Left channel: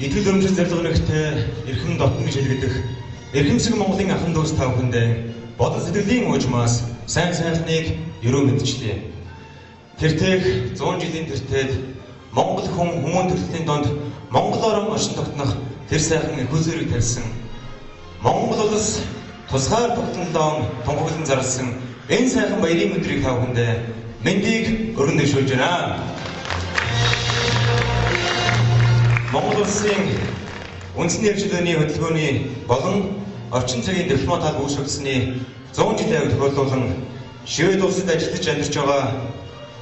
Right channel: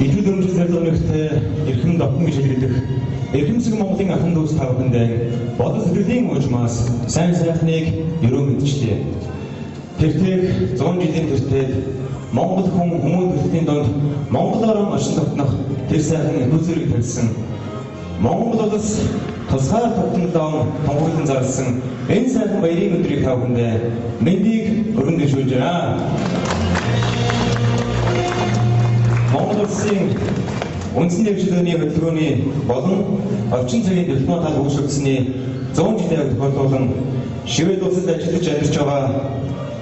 Итгэл өмчил зэрлэг нэгтэй эрхэм дотно гэж хэлэгдэх эрхэмсэг Монголын ахын дүүс та бүхэндээ бодол сэтгэлийн уужмаас сайн сайхныг өрөө мэдчлээ. Тэртех 100 жилийн тэртээд Монгол хүмүүн төрөлхтний донд монголоор оршин тогтнох тэр сайхан хүзүүрийг тавьсан. Монгол улс тусгаар тогтнолоо тунхаглан зарласан энэ сайхан баярын өдрийг та бүхэндээ мэндийг өргөн дэвшүүлж байна. Монгол улсын үндэсний хөгжлөний хөтөлбөрийн болон орчин цагийн дипломат хал үүсгэсний 100 жилийн тохиолдуулан Швед улсад ажиллаж амьдарч байгаа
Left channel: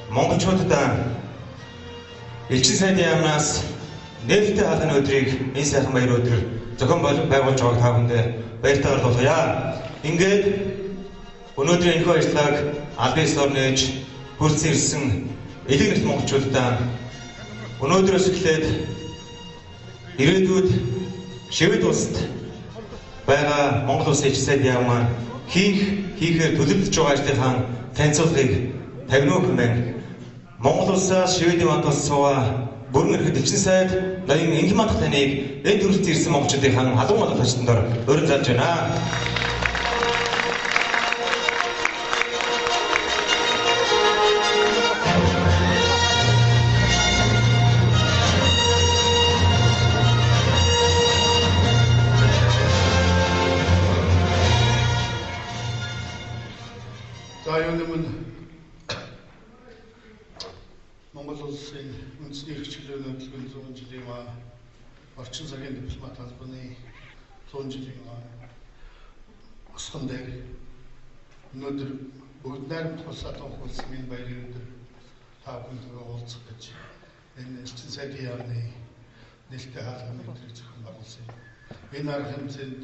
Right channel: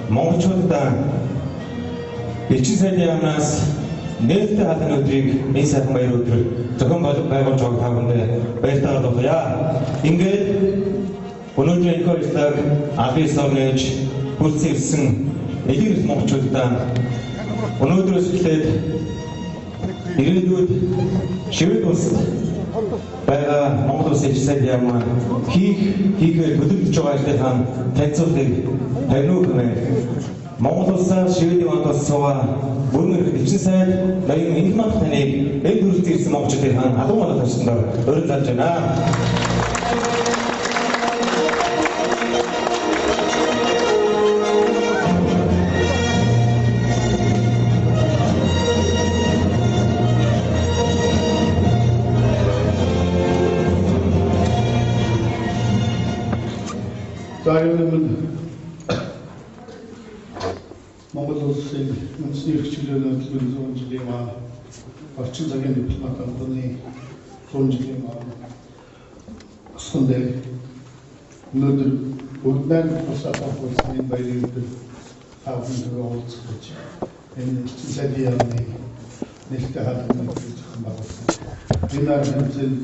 монголчуудад элчин сайдын яамнаас нээлттэй хаалганы өдрийг энэ сайхан баяр өдөр зохион байгуулж байгааг та бүхэндээ баяртайгаар дуулгая. Ингээд өнөөдрийн энэхүү ажлыг албан ёсоор нээж хүрсэн ирсэн элэг нэгт монголчуудаа өнөөдрөөс эхлээд ирээдүйд Швед улсад байгаа Монгол улсын элчин сайдын яам хийхээр төлөвлөж байгаа ажлынхаа танилцуулгыг тавина уу хэмээн Монгол улсаас Шведийн мандалд суугаа бүрэн эрхт элчин сайд ноён Ингман таныг энэ төрөлд ирсэн монголчуудын албан малгай таштандаар өрн залж байна. За юунемэн Монгол улсын үндэсний эрхчлөлийн хөтөлбөрийн 100 жилийн орчин цагийн дипломат албаны 100 жилийн өсгөн дээр өнөөдөр бүгд найрамд тусаад болсон энэ баярын өдөр хаалганд уулзах энэ элчин сайдын яамны нээлттэй хаалганы өдрийг зохион байгуулсан. Энэ арга хэмжээнд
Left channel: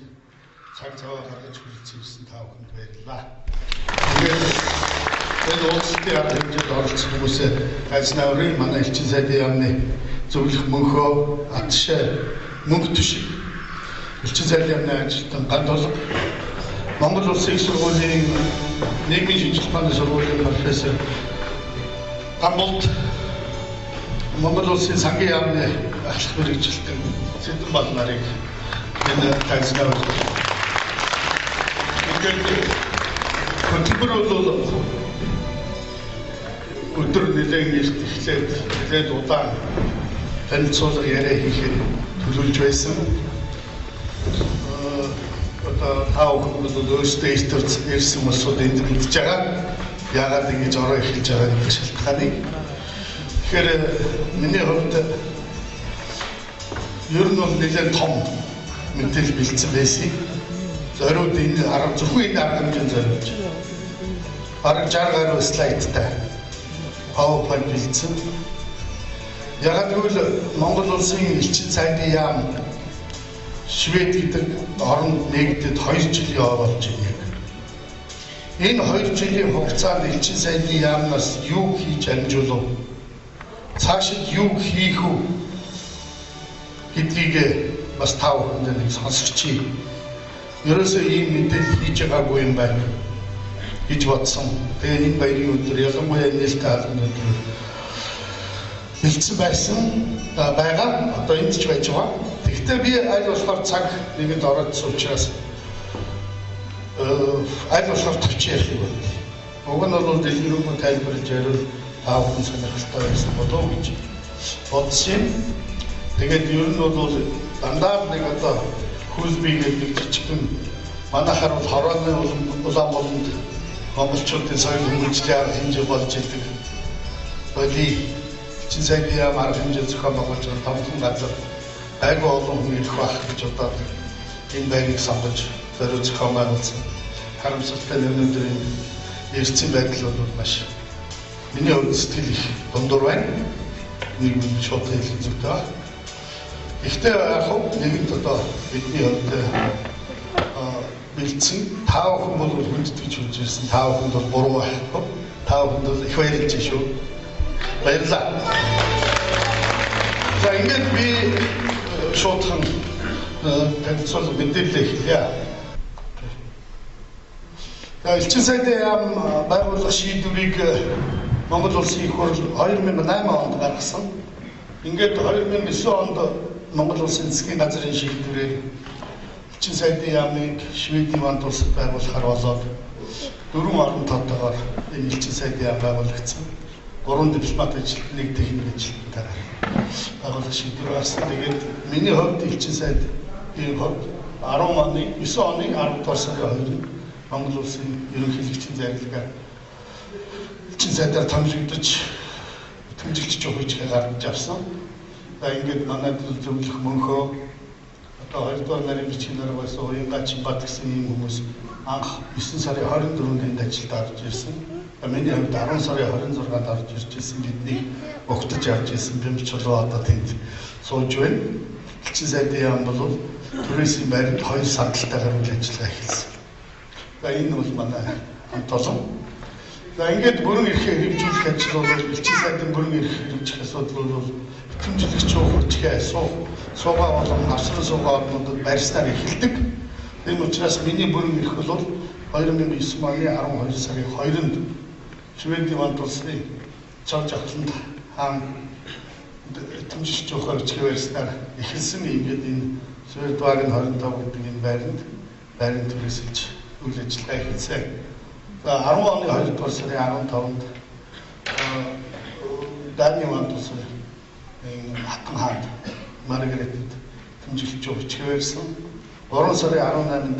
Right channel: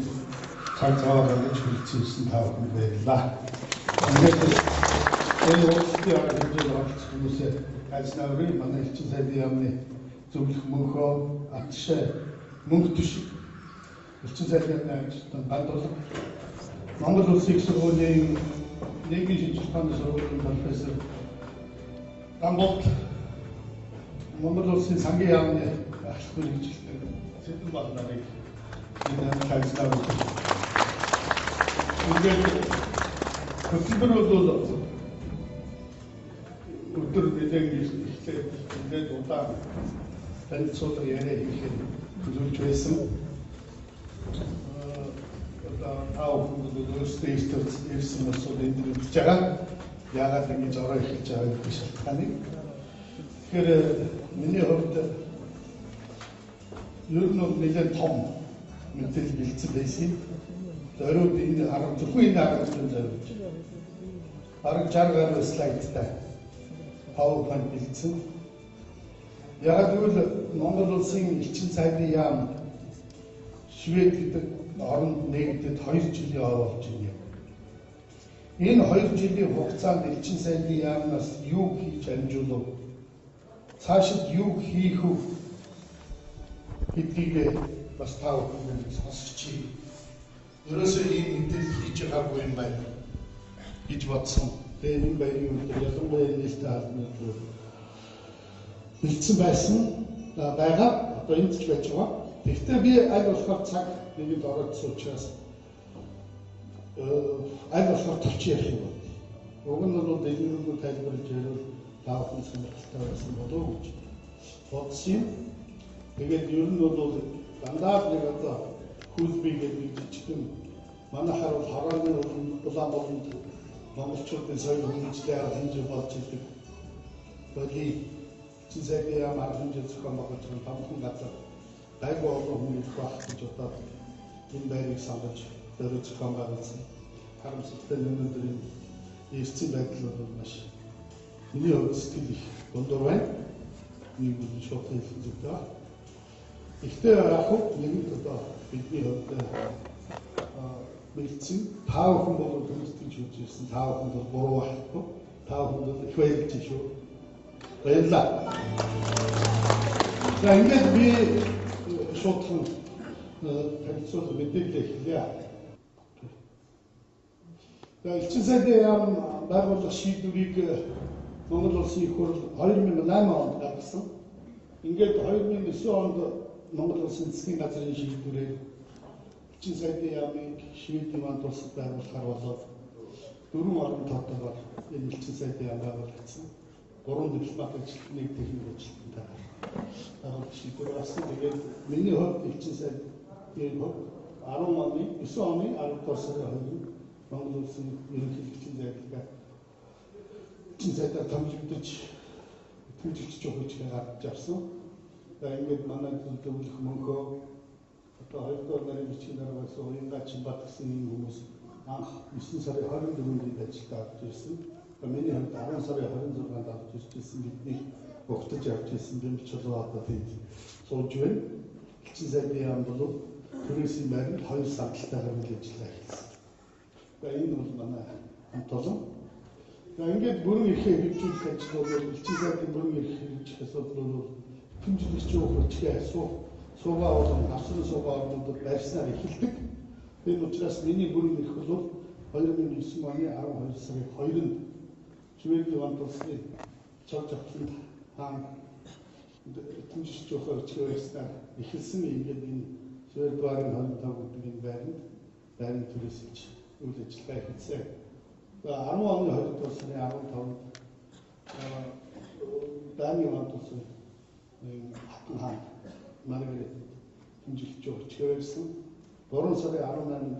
цаг цаваа гаргаж хүрэлцүүлсэн та бүхэнд баярлалаа. Энэ улсын арга хэмжээнд оролцох хүмүүсээ гайзнаврын манай элчин сайдын яамны зөвлөх мөнхөө атшаа мөнх төш элчин сайдын яамны ажилтан гандолго Монгол улсын их сургуулийн нийгмийн шинжилгээ ухааны сургуулийн профессор Гамболт Монгол улсын сангийн яамны ахлах мэргэжилтэн Сэдэн Бал нарыг энэ гайзнавр хөтөлбөр бол өдөр нэлээд эхлээд удаан танилцуулга яриа хийхэд төлөвлөж байсан. Одоо тав хүмүүс өөрсдөө ирсэн хүмүүсүүд энд мэдж байгаа. Яагаад ингэж ороо эхэлж байгаа гэдэг шалтгааныг. Тэгэхээр миний хувьд ер нь бол нэлээд том мэдээлэл бэлдсэн байсан. Зориуд энэ зөвхөн энэ арга хэмжээнд зориулж бараг 60 гаруй слайдтай PowerPoint бэлдсэн. Яг гэвэл Монгол улсын элчин сайдын яам Швед гэдэг оронд нэгдэд 2 жилийн болж байна. Энэ 2 жилийн хугацаанд элчин сайдын яамнаас юу хийж амжуулав? Цаашид юу хийх вэ гэдгийг бас та бүхэнд нэг сонсогчий. Ерөөсөө ийм мэдээлэл хийж байгаагүй юм байна гэж бодсон. Тэгээ энэ баярын өдөр ялангуяа нээлттэй хаалганы өдөр бэлдсэн байсан байгаа. Одоо энд ч байж байгаа. Тэгэхдээ би аль болохоор цаг нэгэнд ороодсон учраас аль болохоор төвч ярих юм байна. Уг нь бол дэлгэрэнгүй тайлбарлаж яриул та бүхэн сонирхолтой байсан болов уу гэж бодсон. Тэгээд ер нь бол дандаа нэг одоо хөлбий гэдэг нэг жижигхэн манайхаар бол хорооны Улаанбаатарт монголчуудын соёл хүмүүжлийн арга хэмжээ болж идэг. Боли элчин сайдын яам арга хэмжээ зохион байгуулж байгаа томхон газар айгүй олон хүн ирэх байх гэж бодоод энэ байрыг сонгож зориуд зохион байгуулсан. Харамсалтай нь өнөөдөр энэ эрсцэн байдал бол маш миний хувьд сэтгэл их дундуур байна. Нэг нь шууд хэлэх зүйтэй байна. Гэхдээ яг хөө нэгэнт одоо бидний хувьд бэлдсэн тав хүн бол хүндэтгэж хүлж ирсэн тав хүнд бол буруу байхгүй. Тав хүнд бол их баярлж шүү. Баярлалаа. За ингээд би шуудхан танилцуулга мэдээлэл эхэлье. Элчин сайдын яам байгуулах шийдвэрийг Монгол улсын их хурл 2008 онд гаргасан. Ингээд 2009 онд Монгол улсын засгийн газрын шийдвэрээр Элчин сайдын яамыг Шведийн вант улсад байгуулахаар болоод 4 орон тоотойгоор энэ элчин сайдын яам байгуулагдсан. 3 дипломат ажил, 1 техник ажилтнаар байгуулах шийдвэр гарсан. Тэгээд миний хувьд элчин сайдын хувьд 9 оны 10 дугаар сарын 2-нд Монгол улсын ерөнхийлөгчийн захиргаар элчин сайдаар томилогдож тэмдэглэж өгч гаргаж авсан. За ингээд манай зөвлөх мөнхөө одоо 2 дугаар нарийн бичгээр байсан Уянгач бат гэсэн ийм хүмүүс анх 9 сарын 24-нд энд ажилд орж ирсэн. Миний хувьд 10 сарын 26-нд орж ирж ирсэн бидний өгтөж авч ирсэн бэмчилгээ одоо тэнд сууж байна. Элчин сайдын яам бол түрээсийн байранд 2 сандалтайгаар үйл ажиллагаа эхэлсэн. За энэ бол манай хамт олон. За ингээд бүрэн эрхээ хэрэгжүүлэх ажил бол элчин сайдын бүрэн эрх хэрэгжих асуудал бол хэмжлэгч хурцгээ суугаа болон авсрын суугаа орнуудад барьснаар эхэлдэг. Тийм учраас миний бүрэн эрх бол 2009 оны 12 сарын 2-нд Шведийн вант улсын цог жавхланд хаан хэмжлэгч хурцгээ барьснаар эхэлсэн. Ингээд энэ Шведвагийн 25 гэдэг энэ байранд түрээсэлж үйл ажиллагаа эхэлсэн. За 10 оны 2 дугаар сарын 15-нд Дани вант улсын хатан хаанд Маргаретэд хэмжлэгч хурцгээ барьсан. 3 сарын 18-нд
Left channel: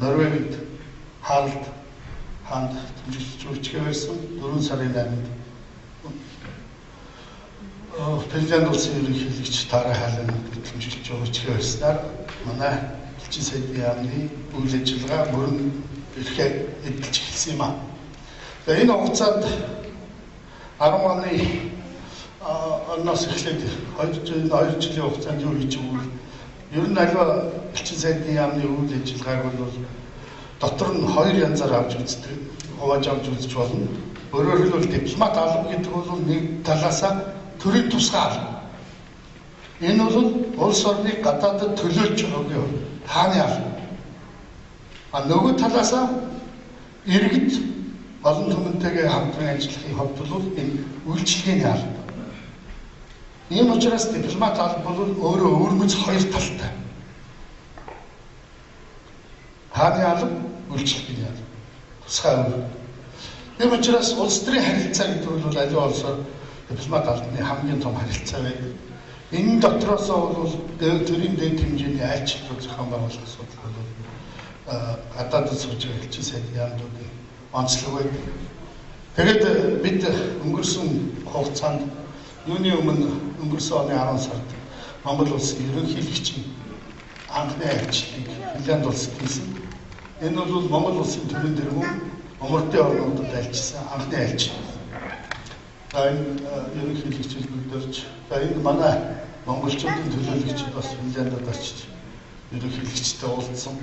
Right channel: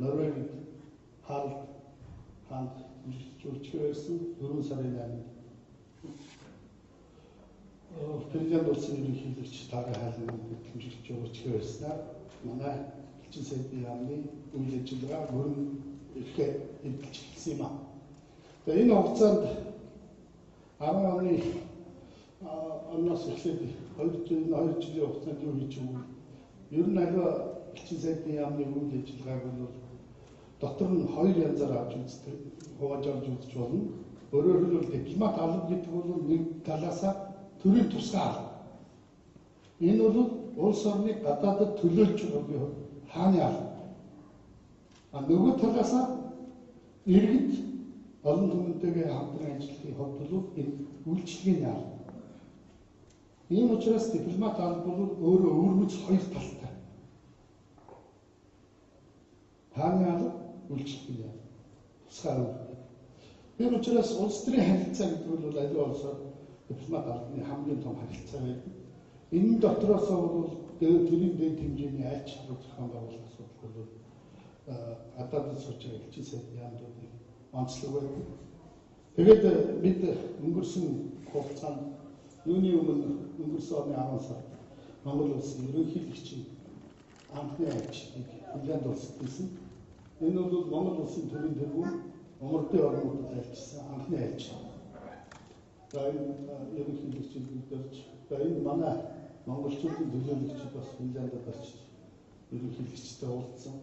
Норвегид Харалд хаанд хэмжлэгч хурцгээ барьсан. 4 сарын 8-нд Финлянд улсын ерөнхийлөгч Тара Халин хэмжлэгч хурцгээ барьснаар манай элчин сайдын яамны үйл ажиллагаа бүрэн эрхээ эдэлж эхэлсэн юм аа. За энэ хугацаанд 10 оны оноос эхлээд 2 жилийн хугацаанд юу хийж өгвөл ер нь аливаа элчин сайдын яамны үйл ажиллагааг бол дотор нь 2 янзаар авч үздэг, хувааж авч үзэж болно. Өөрөөр хэлбэл дипломат алба гэдэг бол нэг талаасаа төрийн тусгай алба. Энэ бол улс орныг гадаадд төлөөлж байгаагийн хувьд хааны алба. А нөгөө талаасаа иргэд олон түмэнтэйгээ хамтран ажиллахын хувьд бол энэ үйлчилгээний алба. Ийм учраас дипломат алба бол өөрөө өөрмөц 2 талтай. Хааны алба, үйлчилгээний алба. Тусгай алба. Ийм учраас улс төрийн харилцаа гэдэг бол аливаа улсаар дипломат албаны хамгийн том харилцаа байдаг. Энэ дотроос бол төрийн дэд хэмжээний айлчлал зохион байгуулах асуудал бол гадаадд сууж байгаа элчин сайдын яамнуудын онцлог байдаг. Тэгээд бид өнгөрсөн хугацаанд юуны өмнө өнгөрсөн оны 10 сард Монгол улсын ерөнхийлөгчийн анхны айлчлалыг Финлянд улсад хийсэн. Энэ бол Монгол улсын төрийн тэргүүн умардын орнуудад айлчсан анхны айлчлал. За энэ ерөнхийлөгчид өдөрж энэ манай монголчуудын төлөөлөгчид бас Финляндд очиж ерөнхийлөгчтэй уулзсан.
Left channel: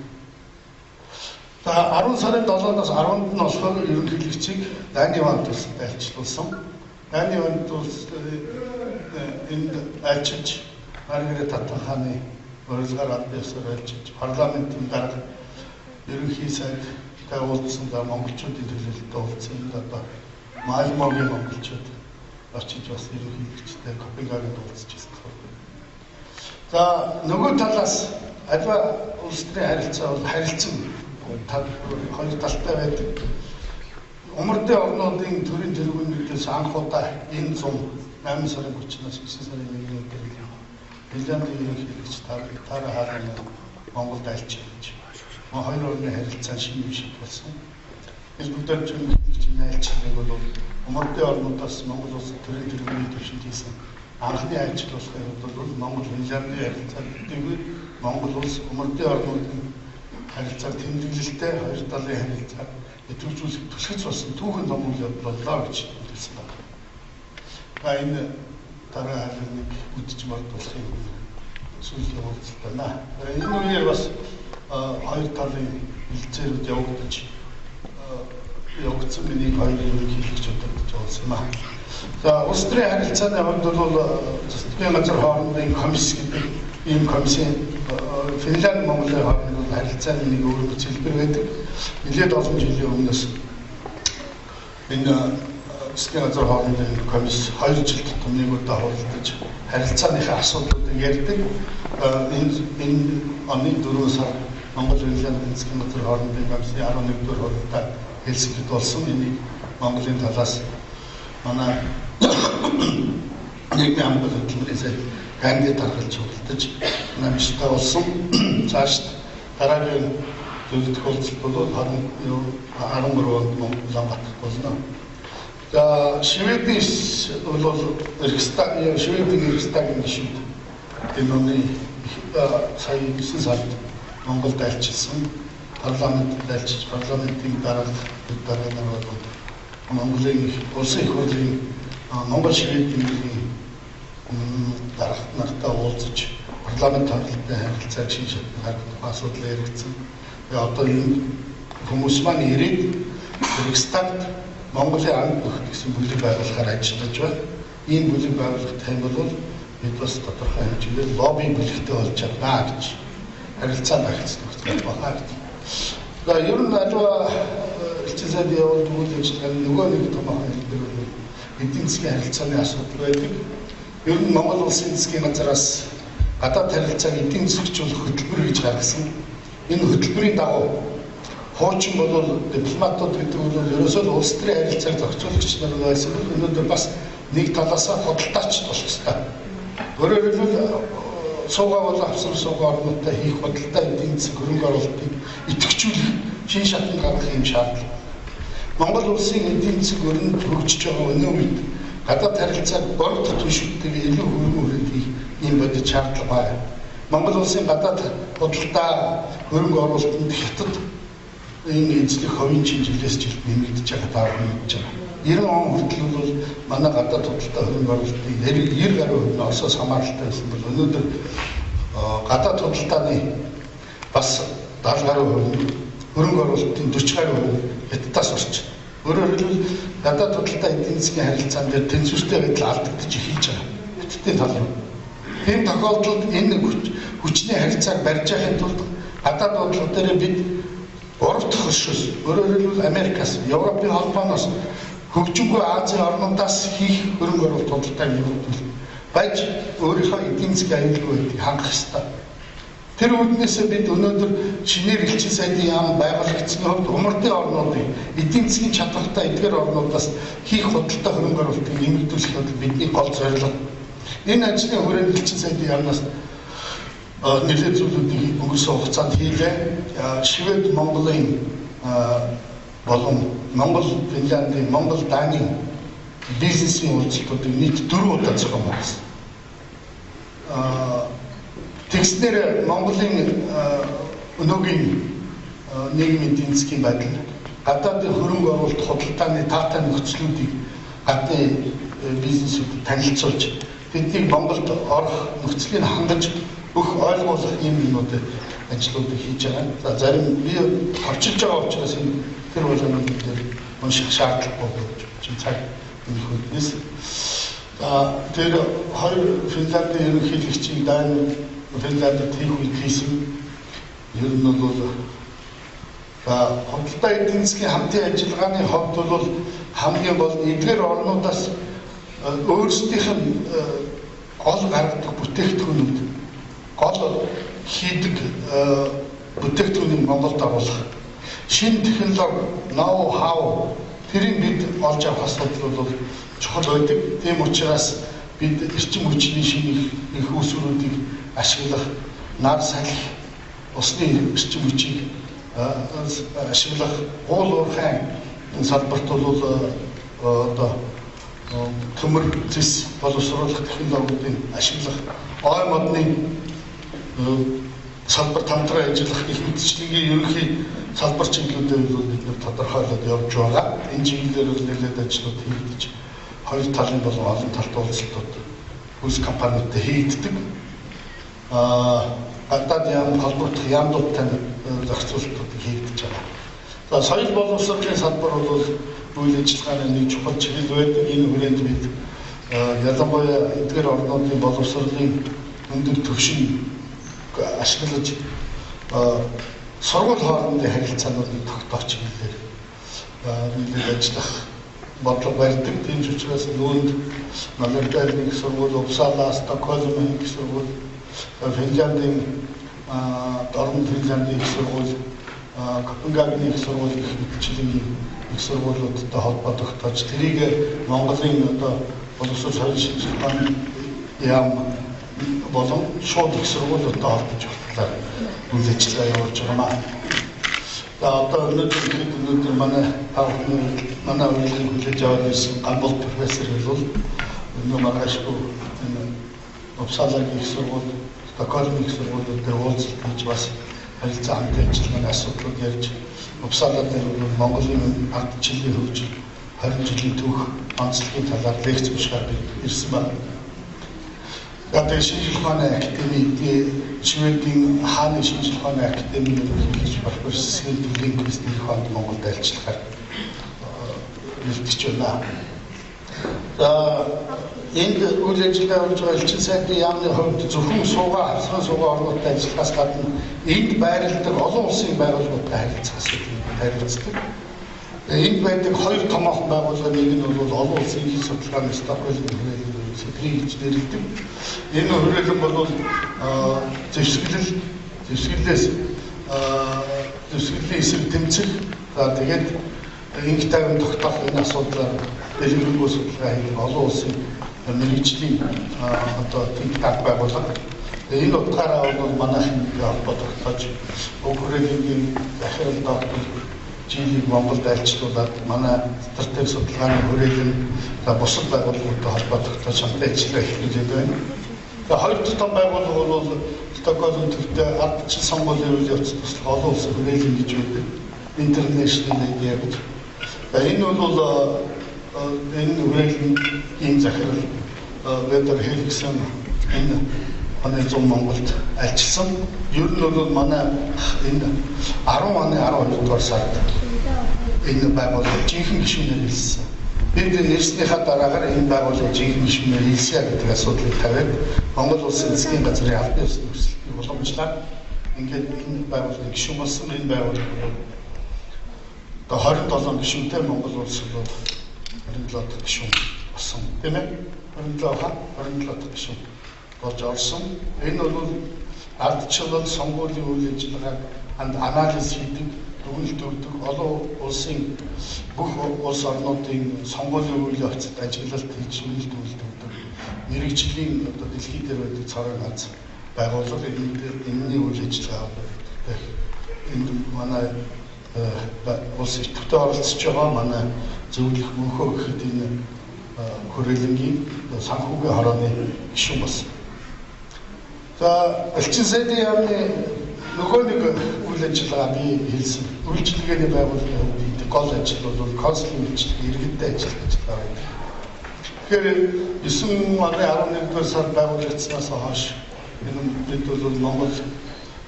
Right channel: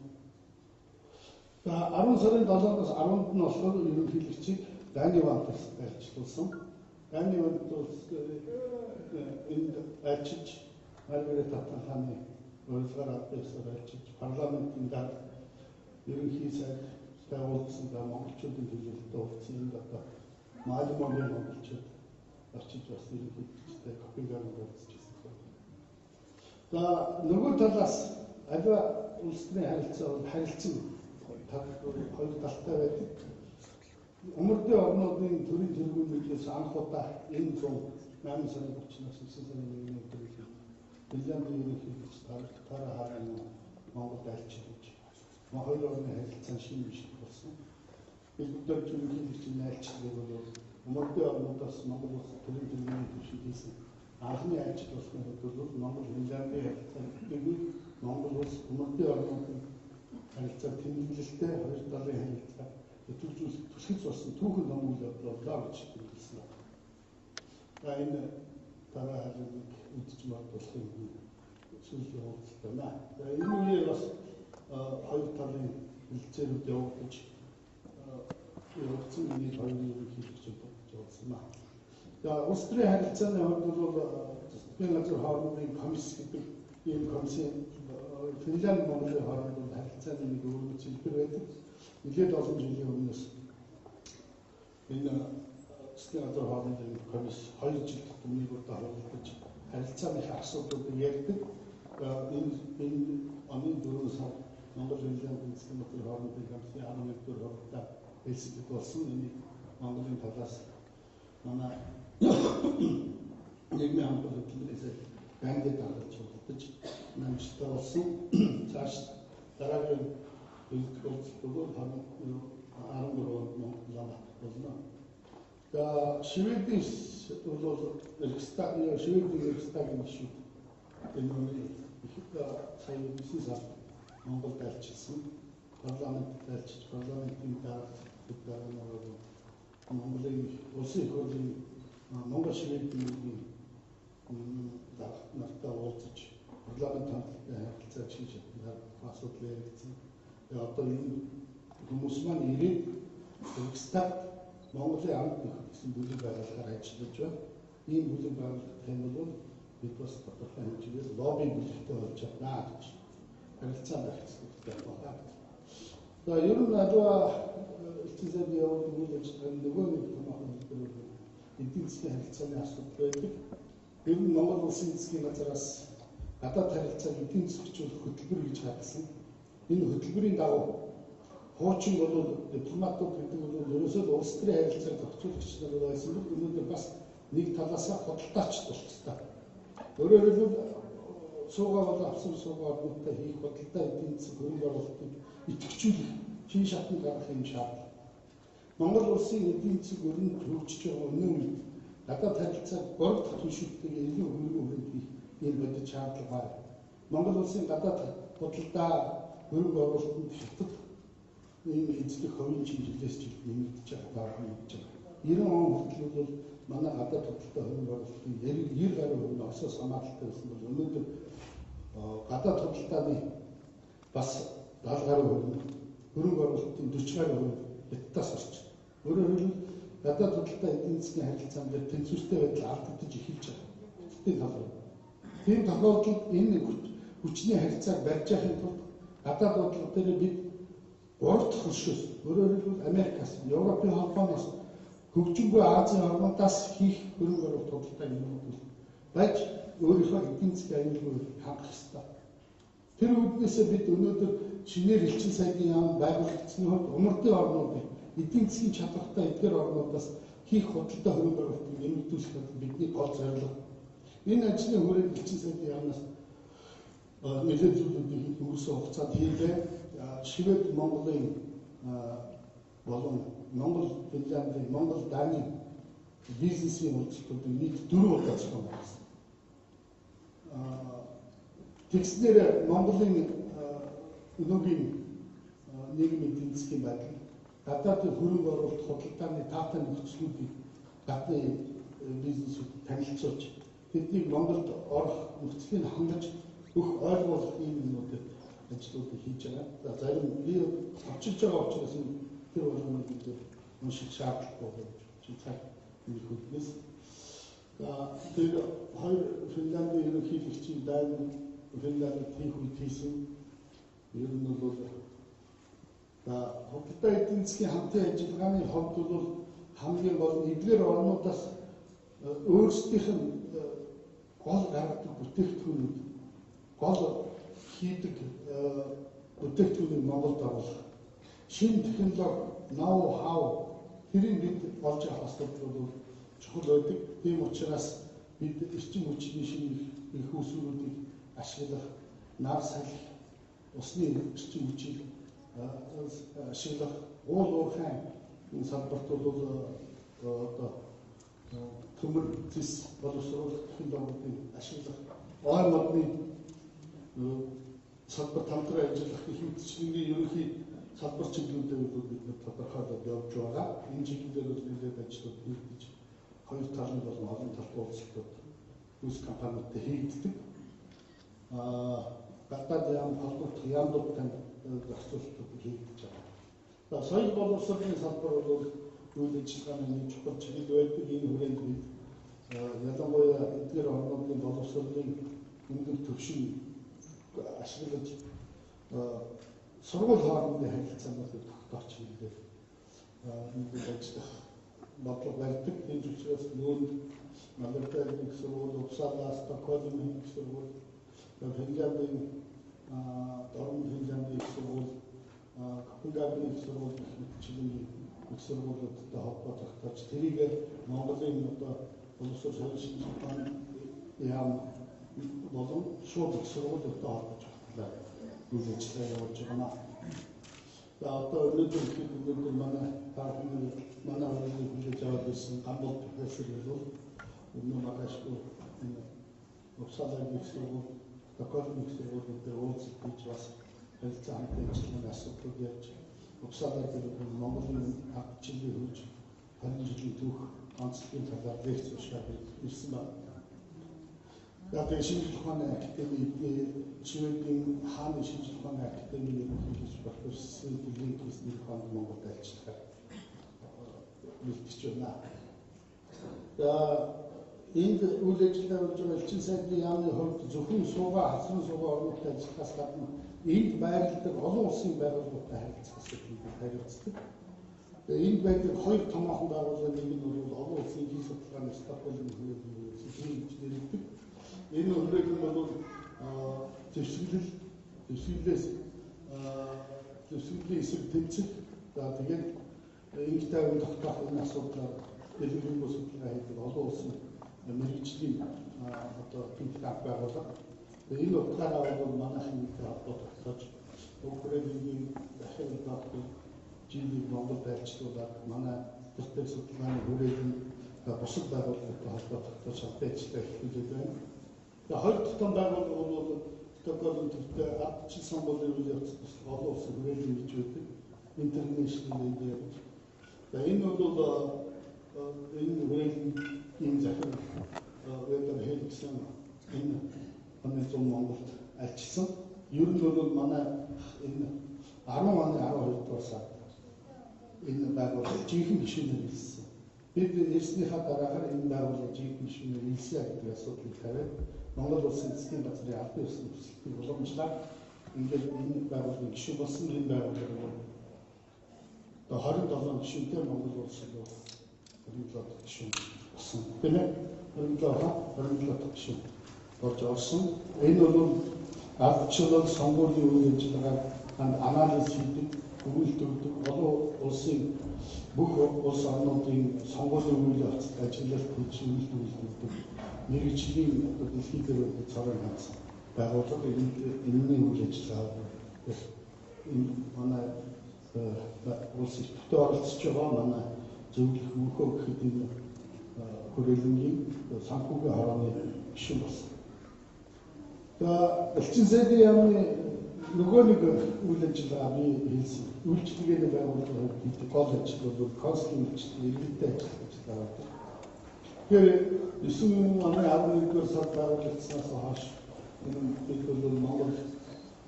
За 10 сарын 7-оос 10-нд нь болохоор ерөнхийлөгчийг Дани вант улсад айлчлуулсан. Дани вант улс энд айлчилж Маргарет хатан хааны урилгаар аль ёсоор айлчилж парламентын дарга ерөнхий сайдтай уулзсан. За монголчуудын төлөөлөлтөд уулзсан. Одоо Малмогийн монголчууд очиж бас ерөнхийлөгчтэй Копенгагенд уулзж ирсэн. За нөгөө талаас аливаа улс төрийн харилцаа бол харилцан 2 талтай байдаг. Умардын орнуудын төрийн тэргүүнүүдээс анх удаа энэ 8 сарын 30-наас 9 сарын 1-ний өдрийн Финляндын ерөнхийлөгч Тара Халин Монголд айлчилж хоёр орны харилцаа шинэ шиг болсон. Biz бүгдээр ерөнхийлөгчийн айлчлалыг бол умардын орнуудаас Монгол улс төрийн тэргүүний төвшөнд хийсэн анхны айлчлал болохын тулд Монгол Финляндын харилцаа гэдэг Монгол улс умардын орнуудын харилцаа тэмдэглэлтэй 2 талын харилцаа идэвхжүүлэх түлхэц болсон түүхэн том үйл явдал боллоо гэж хэлсэн байна. Энэ Тара Халиныг үдчих болдуулахын сүүлийн уулзалт байна. Энэ үеэр бас 2 талын хилцээрүүд явагдсан миний 2 ерөнхийлөгчөд уулзсан юм аа. За улс төрийн харилцааны хувьд бол засгийн газар хоорондын комисс гэдэг ийм комиссын Финлянд Монголын хоорондын харилцааны нэг өөр хэлбэр байдаг. Нэлээд олон жилийн өмнөөс энэ засгийн газар хоорондын комисс 2 жил тутам нэг удаа хуралдаж харилцааныхаа асуудлуудыг ярьдаг. Энэ оны 4 сар Монгол Финляндийн засгийн газар хоорондын комиссийн 11-р хуралдаа Хельсинкид болсон. Энийг Монголын талаас манай нийгмийн хамгаалалт хөтөлбөрийн сайд кандидат харгалж хуралдаж намжтай болсон. Цааш дараагийн зөвлөлт хуралдалт бол 13 онд Улаанбаатарт болно. За Шведийн бол Шведийн Рикстагийн гишүүд энэ оны сая 9 сард Монголд айлчилсан. Парламент айлчилж парламентын дараагаар бол Монголын улсын их хурлын Монгол Шведийн дарагт нартай уулзаж парламент хамтлагтай харилцааг шинж харагдах асуудал яригдсан. Одоо энэ хүмүүс маань ирээд Рикстагт Монголын амт нөхд гэсэн бүлэг байгуулахаар ажиллаж байна. Энэ бүлэг байгуулах тань бол бид бас тодорхой хэмжээгээр лобби бүлэгтэй болж чаднаа гэж харилцаа багцлах байна гэж. За ер нь аливаа элчин сайдын явуулт үйл ажиллагааны нөгөө нэг томоохон хэлбэр бол эдийн засгийн харилцааны асуудал байдаг. Ер нь Монгол улсын засгийн газраас гадаад харилцааг эдийн засгчлуулах хөтөлбөр гэж гаргасан. Энэ хөтөлбөрийн дагуу хуучин бол дипломатууд гэдэг бол ерөөсөө улс төрийн харилцааг зохицуулагч нар байсан бол өнөөдөр бас нэг талаасаа худалдаач болох ёстой. Өөрөөр хэлбэл суугаа бол авсан суугаа орнуудтай хийх худалдаа эдийн засаг хөрөнгө оруулалтыг идэвхжүүлэх шин шатны гаргах юм шаардлага. Монгол улсын эдийн засаг өрнөд хөгжиж байгаа өнөө үед гадаад харилцааг бордох түвшинтэйгээ илүү хөрөнгө оруулалт хийх юм бодит шаардлага байна. Монгол улсын гадаад худалдаа хөрөнгө оруулалтанд хятад энэ эзлэх хувийн жилээс жилд нэмэгдэж байгаа таа мэдж байгаа. 90 он хүртэл бол манай гадаад худалдаа хөрөнгө оруулалтын 90 гаруй хувь нь Оросоос хамааралтай байсан бол өнөөдөр гадаад худалдааны бас 70 гаруй хувь хөрөнгө оруулалтын 40 гаруй хувь Хятадаас орж. Өөрөөр хэлбэл гадаад худалдаа эдийн засгийн харилцаан дээр тэнцвэртэй байдал алдагдаж эхэлж байгаа. Хятадын тал руу. Энэ тохиолдолд энэ хүчний харилцааг барьж яхахын тулд гадаад бодлого дээр бид 3 дахь хөршөөс өөрөөр хэлбэл Америкаас, Европын холбооноос хөгжингүй Азийн орнуудаас хийх хөрөнгө оруулалт худалдааг нэмэгдүүл байж өөрийнхөө эдийн засгийн аюулгүй хангах ёстой. Тэр үүднээс бид өнөөдөр шинээр элчин сайдын яам байгуулагдсан хувьд умардын орнуудыг эдийн засгийн чадвартай эдгээр орнуудаас хийх худалдаа хөрөнгө оруулалтыг нэмэгдүүлэх нь бидний гол зорилго. Энэ ажлын хүрээнд элчин сайдын яамнаас нэлээд зүйлүүдийг өнгөрсөн хугацаанд хийлээ. Швед Монголын болон Монгол Финляндийн Монгол Данийн бизнесийн уулзалтуудыг нийт 4 удаа зохион байгуулсан. Тэгснээр Монголын өнөөгийн нийгмийн эдийн засгийн байдал гадаадын хөрөнгө оруулалт худалдааны таатай нөхцлүүдийг гадны бизнесүүдэд танилцуулж тэднийг Монголд орох нөхцөлийг хангаж бүх ойлгуулах юм юмнуудад ажлуудыг хийж байгаа. За зарим би орчилж байгаа учраас энэ тэр болгонууд дээр унших шаардлагагүй гэж цаг энэ хүнээс. Тэр хоёр Финляндийн ерөнхийлөгчийн Дани Финландд хийх үед хийсэн ер нь бол худалдаа эдийн засгийн хамтын ажиллагааны хувьд бол хамгийн гол эдгээр орнуудаас өөрсдийнх нь гол гаргадаг бүтээгдэхүүнүүд гол хийдэг бүтээгдэхүүнийг Монголд оруулах шинэ технологи, ноу хау тэрийг бид олж авах асуудал бол чухал байдаг. Тийм учраас бид эрчим хүчний шинэ их үүсвэрүүдийг ашиглах, нар салхи, усны эрчим хүчийг ашиглах, уул уурхайн салбарт бол одоо төмөр зэс боловсруулах технологиудыг ашиглах, ой модны салбарт хамтран ажиллах их мэдчлэгийн ерөнхий салбар чиглэлүүдээр бол бид тодорхойлоод явж байгаа. Энэ чиглэлээр бол нэлээд ажлууд хийгдэж хоёр талын болон олон талт уулзалтууд хүс компаниудтай хийгддэг. Гадаад яам холбогдох яамдуудтай зохицуулалтууд хийгдэж байгаа. За соёл боловсролын салбар бол үйл ажиллагааны нэг чухал чиглэл байдаг. Энэ хүрээнд бид ялангуяа эдгээр орнуудын боловсролын өндөр түвшин ашиглаж сургууль хоорондын харилцаануудыг тогтоох чиглэлээр нийлээд ажиллах бодлого барьдаг. Тийм ч учраас нүүнд Малмö-ийн их сургууль, Uppsala, Stockholm-ийн их сургууль, Финляндийн Орон Финляндийн их сургууль, Копенгагены их сургууль гэх мэтчлийн их сургуулиудтай холбоо тогтоож тэрийг Монголын одоо боловсрол соёлын шинжилгээний яам болон шууд их сургуулиудтай холбож багтаалаар үйл ажиллагаа явуулж байгаа юм. Одоо өнөөдөр манай үеийн хүлээж аваад ирсэн Гамбол профессор бол өнөө маргаашгүй Uppsala-гийн их сургууль, Stockholm-ийн их сургуулиуд дээр уулзалт хийж бас харилцаа хамтын ажиллагааны асуудлууд ярьж Uppsala дээр Монголын ардчилгийн хөгжил 20 жилийн түүх онцлогийн талаар лекц бичгээр ирсэн байна. Тэгээд шинжлэх ухааны академийн Шведийн хааны шинжлэх ухааны академийн ерөнхий профессор Линквист их онд Монголд альчлахаар бэлтгэж байна. Энд үйл ажиллагаа болж байгаа элчин сайдын яамны хувьд зөвхөн хавсган суугаа орнуудтай ажиллахаас гадна энд байрладаг олон улсын байгууллагуудтай харилцдаг. Энд байдаг хоёр томоохон байгууллага, нэг нь бол олон улсын их судалгааны Стокгольм хүрээлэн сэтрийг гэж нэрлэдэг. Энэ хүрээлэн бол зэвсгэлийн эсрэг тэмцэх, тэгээд инх тайван тогтоох энэ асуудлаар дэлгэрэнгүй судалгаа хийх олон улсын мэргэжлийн одоо think tank байгууллага. Энэ утгаараа бол манайхан холбоо тогтоож хүрээлэнгийн захирал доктор Жилийг Монголд альчлуулад манай стратеги судалгааны хүрээлэн бусад байгууллагуудтай холбоо тогтоож хамтдаа ажиллаж эхлүүлээд байна. Тэгээд хоёр дахь том байгууллага бол Стокгольм төвтэй ардчил сонгуулийн үйл явц туслах олон улсын хүрээлэн гэж байдаг. International Media гэж. Энэ бол энэ хүрээлэний захирал Ведер Хеликсэн энэ оны зам Монголд альчилсан. Ер нь бол манай энэ 10 оны 12 дугаар сард энэ байгууллага жинхэнэ гишүүнээр хэлсэн. Бид ирснийхаа дараагаар энэ байгууллага жинхэнэ гишүүнээр хэлсэ гэдэг асуудлыг тавиад Монгол улсын засгийн газрын албан ёсны хүслийг уламжлаад ингээд энэ байгууллагын гишүүн болсон. Энэ байгууллага одоо 27 гишүүнтэй Монгол улс бол 27 дахь гишүүн болсон тийм ээ. 27 дахь гишүүн болж орсон. Энэ бол ардчлал сонгуулийн үйл ажиллагааг анализ хийдэг, дүгнэлт өгдөг, олон улсын бүх улс орнуудын сонгуулийн үйл явцад ажиглалт хийж дүгнэлт өгдөг. Мэргэжлийн одоо дэлхийд дээр байдаг цорын ганц байгууллага энэний үйл ажиллагаа энд манай улс идэвхтэй оролцож байгаа манай зөвлөх мөнхөө гэхэд энэ хүрээлэнгийн санхүүгийн хорооны гишүүн болсон. За элчин сайдын яамны нөгөө нэг үйл ажиллагаа би хэлсэн. Үйлчилгээний байгууллагын хувьд гол ажил бол консулын үйлчилгээ, иргэдтэй ажил гэж байна. Тэгэхээр 9 оны 11-р сард байгуулагдсанаас хойш энэ бид бол Монгол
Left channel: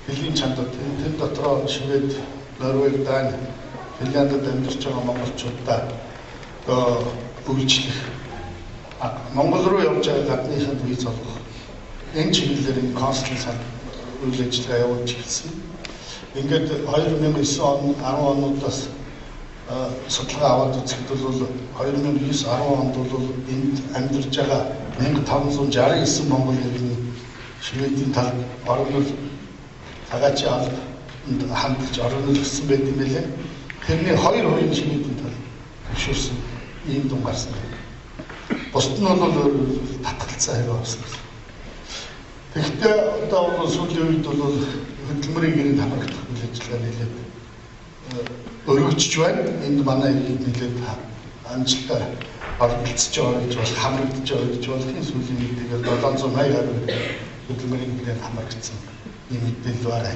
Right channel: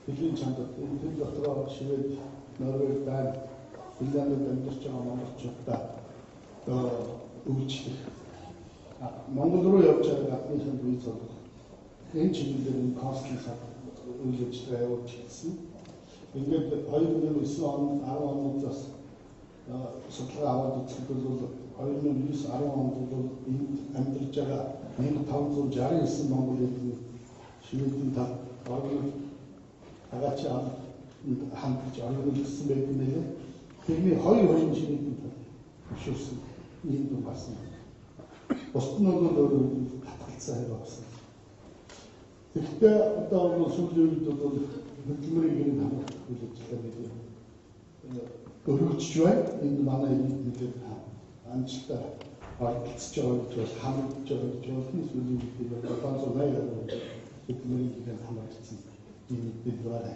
хэлний чанарт энэ дотроо Швед, Норвег, Дани, Финляндд амьдарч байгаа монголчуудаа үйлчлэх Монгол руу явж байгаа гадныханд виз олгох энэ чиглэлээр энэ консулын сан үйл ажиллагаа явуулж эхэлсэн. Ингээд 2009 он 10 онуудаас судалгаа аваад үзэхэд бол 2009-10 онд бол энд амьдарч байгаа 1569 монгол иргэн Шведийн тал орнол цагаачийн албанд хандж орнол гэсэн байт юм байлээ. Тэрний 2% Шведийн тал зөвшөөрсөн ийм дун гарсан. Бусд нь бол татгалцсан хэрэг авсан. Тэгэхдээ одоо бол сүүлийн үед бол хөдөлмөрийн гэрээнд хамрагдах үйл ажиллагаа нэлээд өргөжж байна. Энд манай хэд нэлээд амжилтаар оролцож байгаа гэж бол хамрагдж байгаа гэж болохын сүүлийн үед тэгээд 780 гаруй хөдөлмөрийн гэрээнд хамрагдсан юм мэдээлэл байна.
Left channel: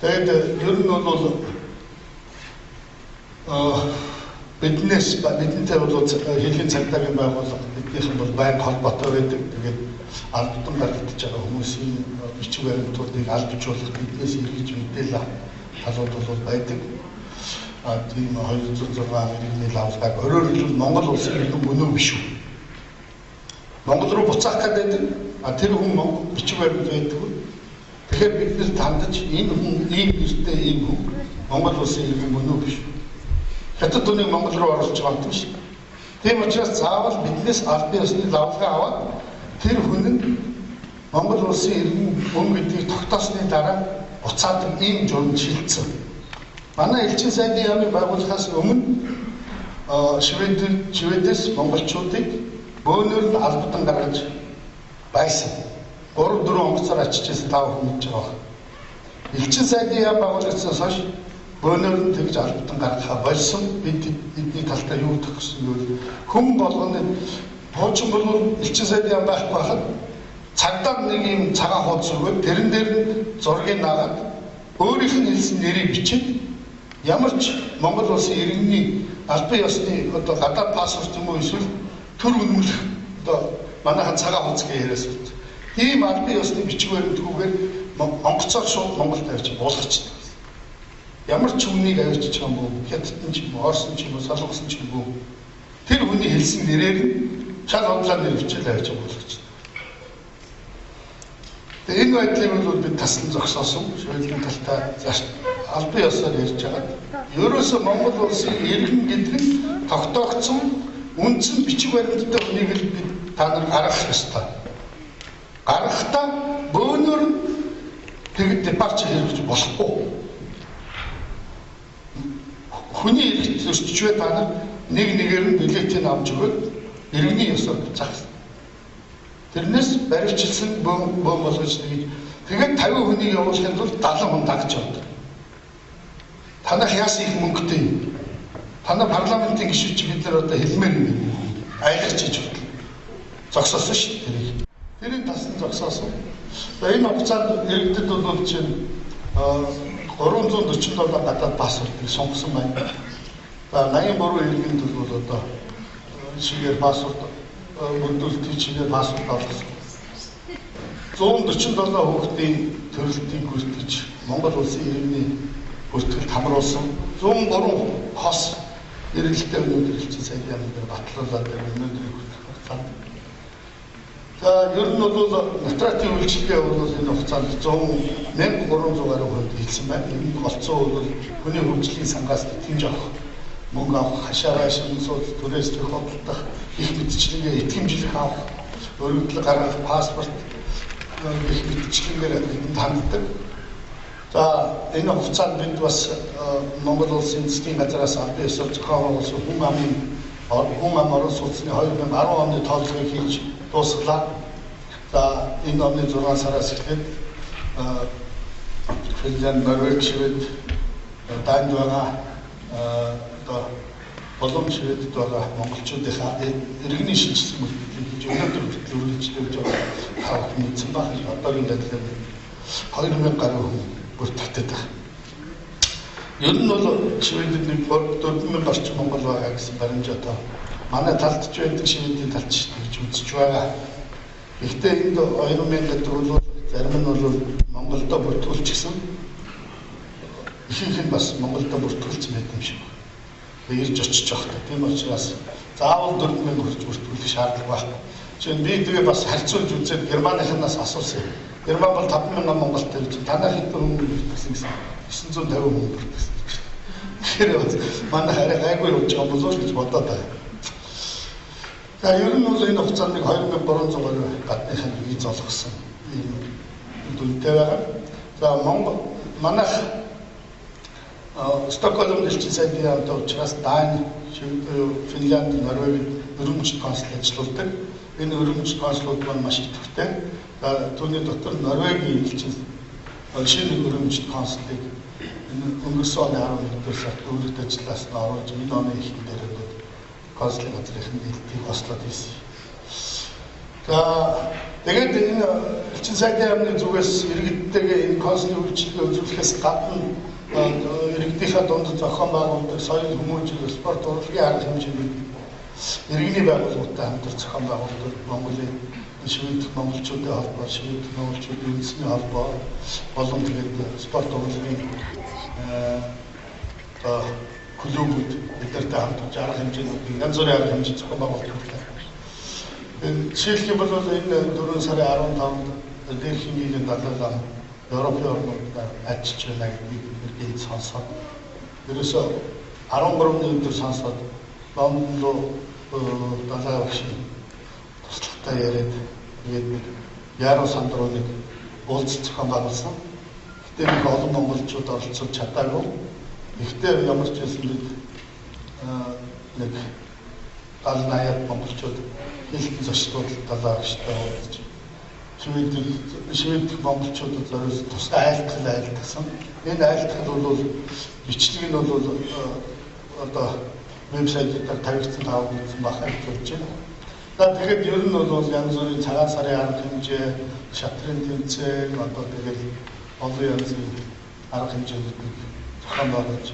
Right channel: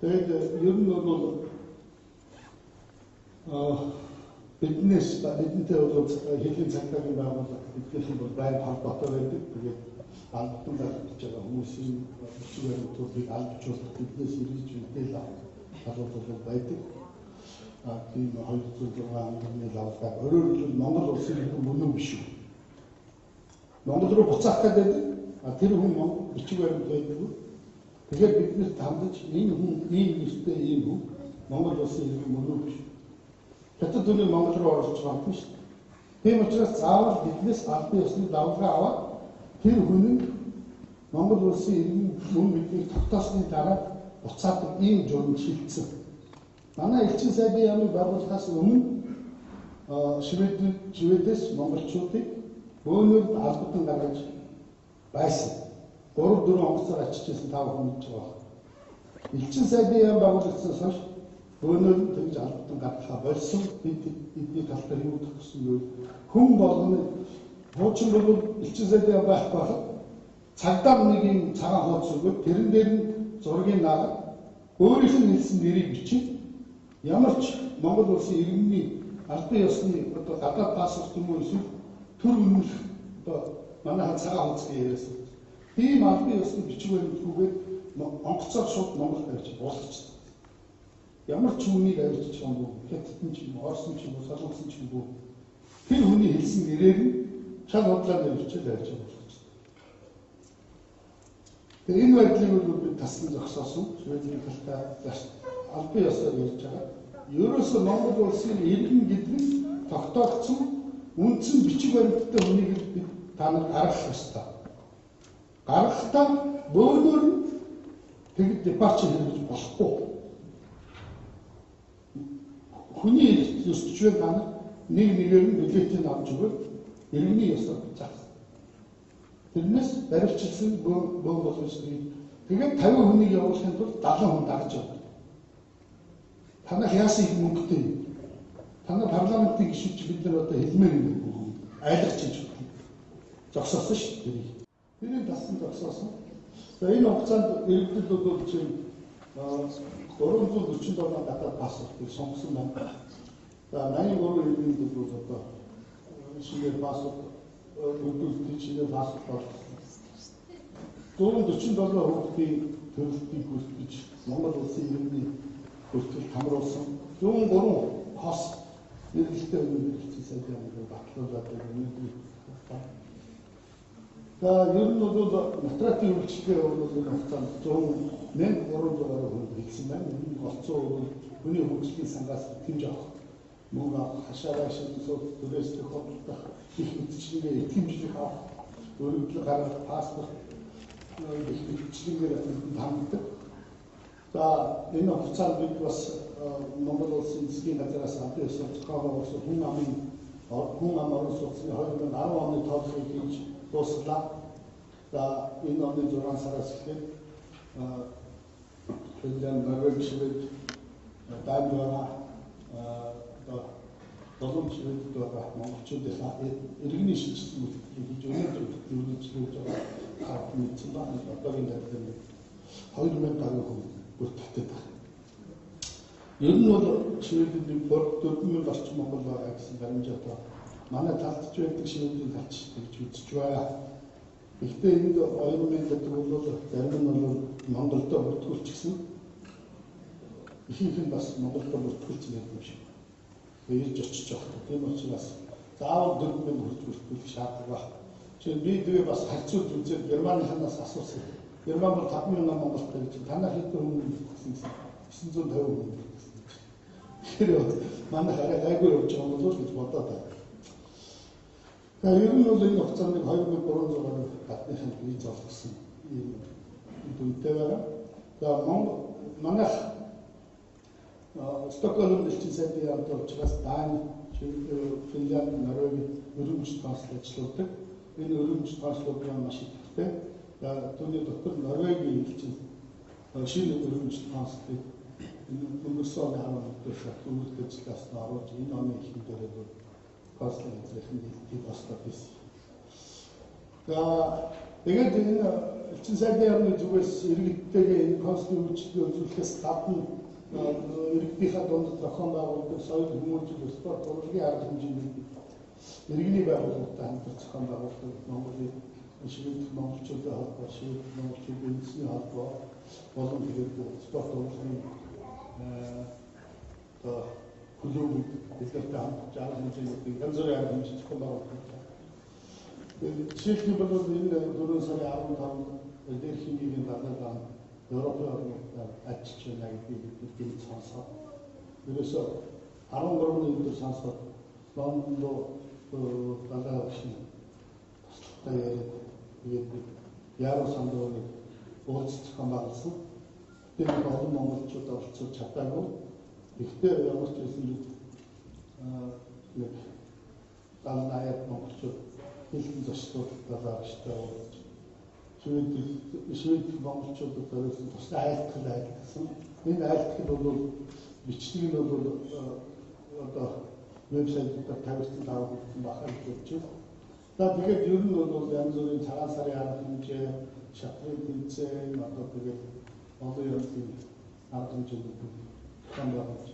Тэгээд ер нь бол бидэнтэй бол хэлийн цагдаагийн байгууллага биднийх нь бол байнга холбоотой байдаг. Тэгээд албатан баригдаж байгаа хүмүүсийн бичиг баримтуудыг албажуулах биднээс эргэж мэдээлэл талууд бол байдаг. Тийм 206 иргэний лавлаг өөрөөр хэлбэл Монгол улсын иргэн мөнөө биш үү? Монгол руу буцаах гэдэг тэр хүн Монгол бичиг баримт байдаг. Тэгэхээр биднэрт хандаж энэ хүн ийм нэртэй ийм хүн Монгол улсын иргэн мөнөө биш. Хятад үнийг Монгол руу оруулж байгаа юм шүү. Тийм учраас заавал биднээс албан ёсны давлгаа аваад тэр хүн нь Монгол улсын иргэн мөн гэдгийг тогтоосны дараа буцаад ийм журам шилжсэн. Манай элчин сайдын яамыг байгуулахаас өмнө Шведээс монголчуудыг бөөнөр нь албадан гаргаж байсан. 3-4 онгоцоор ачижсэн тав хүн гэж байгаа. Элчин сайдын яам байгуулагдсанаас хойш бөөнөр нь тэгж албадан гаргахаа болсон. Бидний талтай юу гэх гэсэн нь хүн болгоны хуучин бол элчин сайдын яам байх байхад цагдаа нэг юм цагаан хуудас өгөөд тэрэн дээр нь зургийг наагаад өөрийнх нь хэлсэн нэрийг бичиж ямар ч Монгол улсын иргэний албан ёсны одоо гадаад паспорт юм уу эсвэл төр үнэмлэх одоо манайхан цагаан хуудас гэж яриас үү. Ийм албан ёсны бичиг баримтгүйгээр онгоцоор шууд Монголд авчиж болгочихсон. Ямар ч хүнийг авчиж байгаа юм бүү, хятадн ч юм уу, орсон ч юм уу, солонгосон ч юм уу. Тэр хүний хэлсэн нэрээр шал худлаа нэр бичиж авчиж болгочихсон. Тэгээ энэ байдлыг бол бид таслан зогсоосон. Шведийн талтай албан ёсоор ярьж байгаа. Ерөөсөө Монгол улсын иргэн гэдэг нь тогтоогдсон үндсэн бичиг баримттай хүнийг л бид та нар гаргах ёстой. Гаргахдаа бөөнөр нь тэгээд депарч хэрэгжиж болохгүй. Хүний иргэд төсчвэ та нар нэг нэгээр нь билетийг авч өгөөд иргэний ёсоор буцаах. Тэрнээс баривчилсан бөөн болгож тэгээд 50 хүнийг явуулахын тулд 70 хүн дагч явдаг. Танах яасан их мөнгөтэй юм. Танай парламентын гишүүч бид нар одоо хэлмээр юм. Айлгч хийж байна. Зогсоосон шүү дээ. Тэрийг тасн зогсоосон. Энэ хугацаанд иргэдэд бол чинь 347 гадаад паспортыг сонгосон байна. 83 иргэнд бол одоо шигээр паспорт мөрдөлтийн чигээр паспорт авсан. 147 хүүхдийн төрөлтийг гүйцэтгэж Монгол улсын иргэний бүртгэлд хамруулсан 103 хос эргэлттэй өнөөдөр элчин сайдын яамны дээр батлуулаад өнөөдрийг хүртэх. За ер нь бол нотратын үйлчлэгээ бол энэ хугацаанд 100,300 гаруй хүнд хийсэн байна. Энэ голцоо бол хүний хөгжлийн сангаас тэтгэмж авах, мөнгө авах, хашаа шин сууд түрээс төхөөлөх, их мэдчилгээ итгэмжлэх авах, өргөдөл гаргах, паспорт их мэдчилгээгээр ханддаг. За энэ хугацаанд бид бас Монгол улсын засгийн газраас албан ёсоор зохион байгуулсан хүн ам орон сууцны 2010 оны тоолгыг хийж дуусглаа. За энэ оны 6 сараас эхлээд Финлянд, Норвег, Швед, Данд байгаа одоо болон Шведд байгаа монголчуудынхаа иргэний шинжилсэн мөрдлийг хийж өнөөдөр бүртгэж байгаа мэдсэн баг. Одоогийн байдлаар 2000 гаруй хүн бүртгэдэг байна. Ер нь бол Шведэд нэг 4000 орчим монгол байгаа гэсэн баримжаатай. Манай талд ч байдаг, Шведийн талд ч гэж үзэж байгаа. Гэхдээ энд 2000 гэдэг бол зарим нь бол Монголдо бүртгүүлчихсэн. Ихэнх нь бас Монголдо бүртгүүлсэн байдаг юм шиг байна. Ирж очиж явахдаа тийм учраас заавал 4000 хүрч бүртгүүлэх шаардлага байхгүй. Жишээ нь би тэгээ бас харьцуулж үзээд Германыханаас асуусан. Герман бол 5000 Монголтой гэж танах хэдэн хүн бүртгэсэн гэсэн 950 хүн бүртгэсэн. Тэгэхээр манай хараа гайгүй явж байгаа болов уу гэж бодоод байна. За ер нь бол энэ хугацаанд 2300 гаруй гадныхан виз олгосон юм дүнтэй байгаа. За Монгол манайх Стокгольм элчин сайдын яамтай учраас Дани, Финлянд, Норвег өрөмжид консул ажилладаг. Энэ өрөмжид консулууд маань маш идэвхтэй. Түүний дотор Норвегийн элчин шинэ өрөмжид консулыг өнгөрсөн оны 11-р сард өөрөлд ажиллаас нь оруулж энэ оны эхлэн дээр консулын газрын нийлтийг бослоод хийсэн. За тэгээд энэ элчин сайдын яамны зүгээс иргэдтэйгээ энэ консулын үйлчлэгээ үзүүлэхээс гадна иргэдийнхээ дунд зохион байгуулдаг соёл хүмүүжил спорт урлагийн арга хэмжээний иргэний байгууллагатай хамтар зохион байгуулдаг Монголын Шведийн монголчуудын холбоо, Шведийн монголчуудын үндэсний холбоо болон тэгээд спорт урлагийн клубүүд бидэртэй хамтарч арга хэмжээний янз бүрийн арга хэмжээ зохион байгуулдаг. Жишээлх юм бол энэ 4 сарын 15-нд дээрх нийгмийн далайлал Европын орнуудаар ажиллаж байна гэдгийг бид сонсоод ерөөсөө 13-ны өдөр сонсоод Лондон руу далаа багшийн туслахтай яриад тэгээд Яруу сандруу нэг уулзалт зохион байгуулсан. Гэтэ нэг олон монголчууд оролцож чадаагүй. Гэхдээ ямар ч байсан бид нэг 70-80 монголчууд хэлтэн зочлууд далаа багштай уулзаж шивэд монголчуудад зориулсан тусгай айлтгал айлтгсан. Энэ айлтгал бол бичлэг нь бол одоо вебсайтаар тавигдсан тавигдсан бахад болж байна. Тэгээд ер нь бол янз бүрийн цагаан сарын арга хэмжээ, шатрын тэмцээн одоо тэгээд олон янзын арга хэмжээүүдийг зохион байгуулж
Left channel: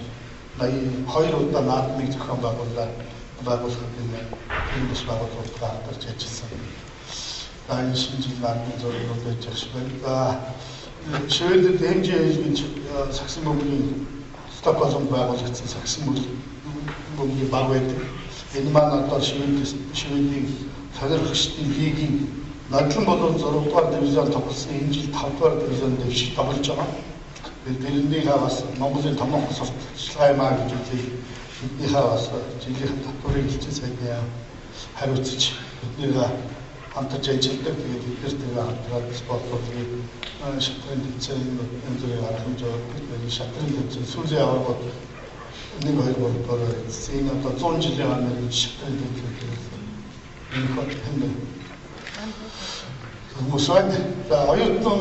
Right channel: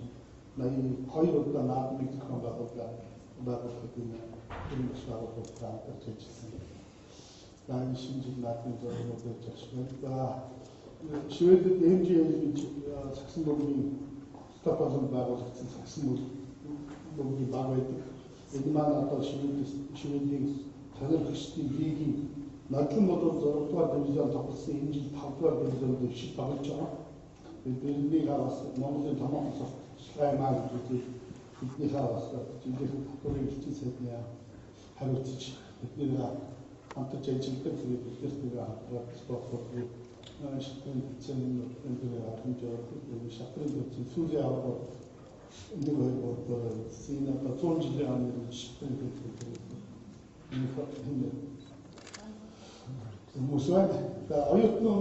82 удаа наадмыг зохион байгуулахад энэ бас байгууллагууд гаргаж ажилласан. Энэ шинэ жил наадмын зорилго байж ах байна. Шведэд хэмжээ гэж сагсан бөмбөгийн Стокгольм байгуулагдсан сагсан бөмбөгийн баг байдаг. Энэ маань одоо шведийн сонирхогчдын лигийн нодлон болон 6 дугаар дивизион тоглосон энэ жил 5 дугаар дивизион дэвшиж тоглож байгаа. Тэрнийхээ бас Монголын томоохон сурталчилгаа юм аа гэж үзээ. Биднийхээ бас жилийн татварыг хэлсэн сайдаа хариуцж биднийгээ хамтарч ажилладаг. Тэгээд бид нэр хамтраад спортлуудыг шатрын тэмцээн энэ зэрэг арга хэмжээ шатрын тэмцээн сүүлийн аваргууд 1-2-3 зин одоо 100 жилийн өмнө шатрын тэмцээн энэ хот хүмүүсээ оюутан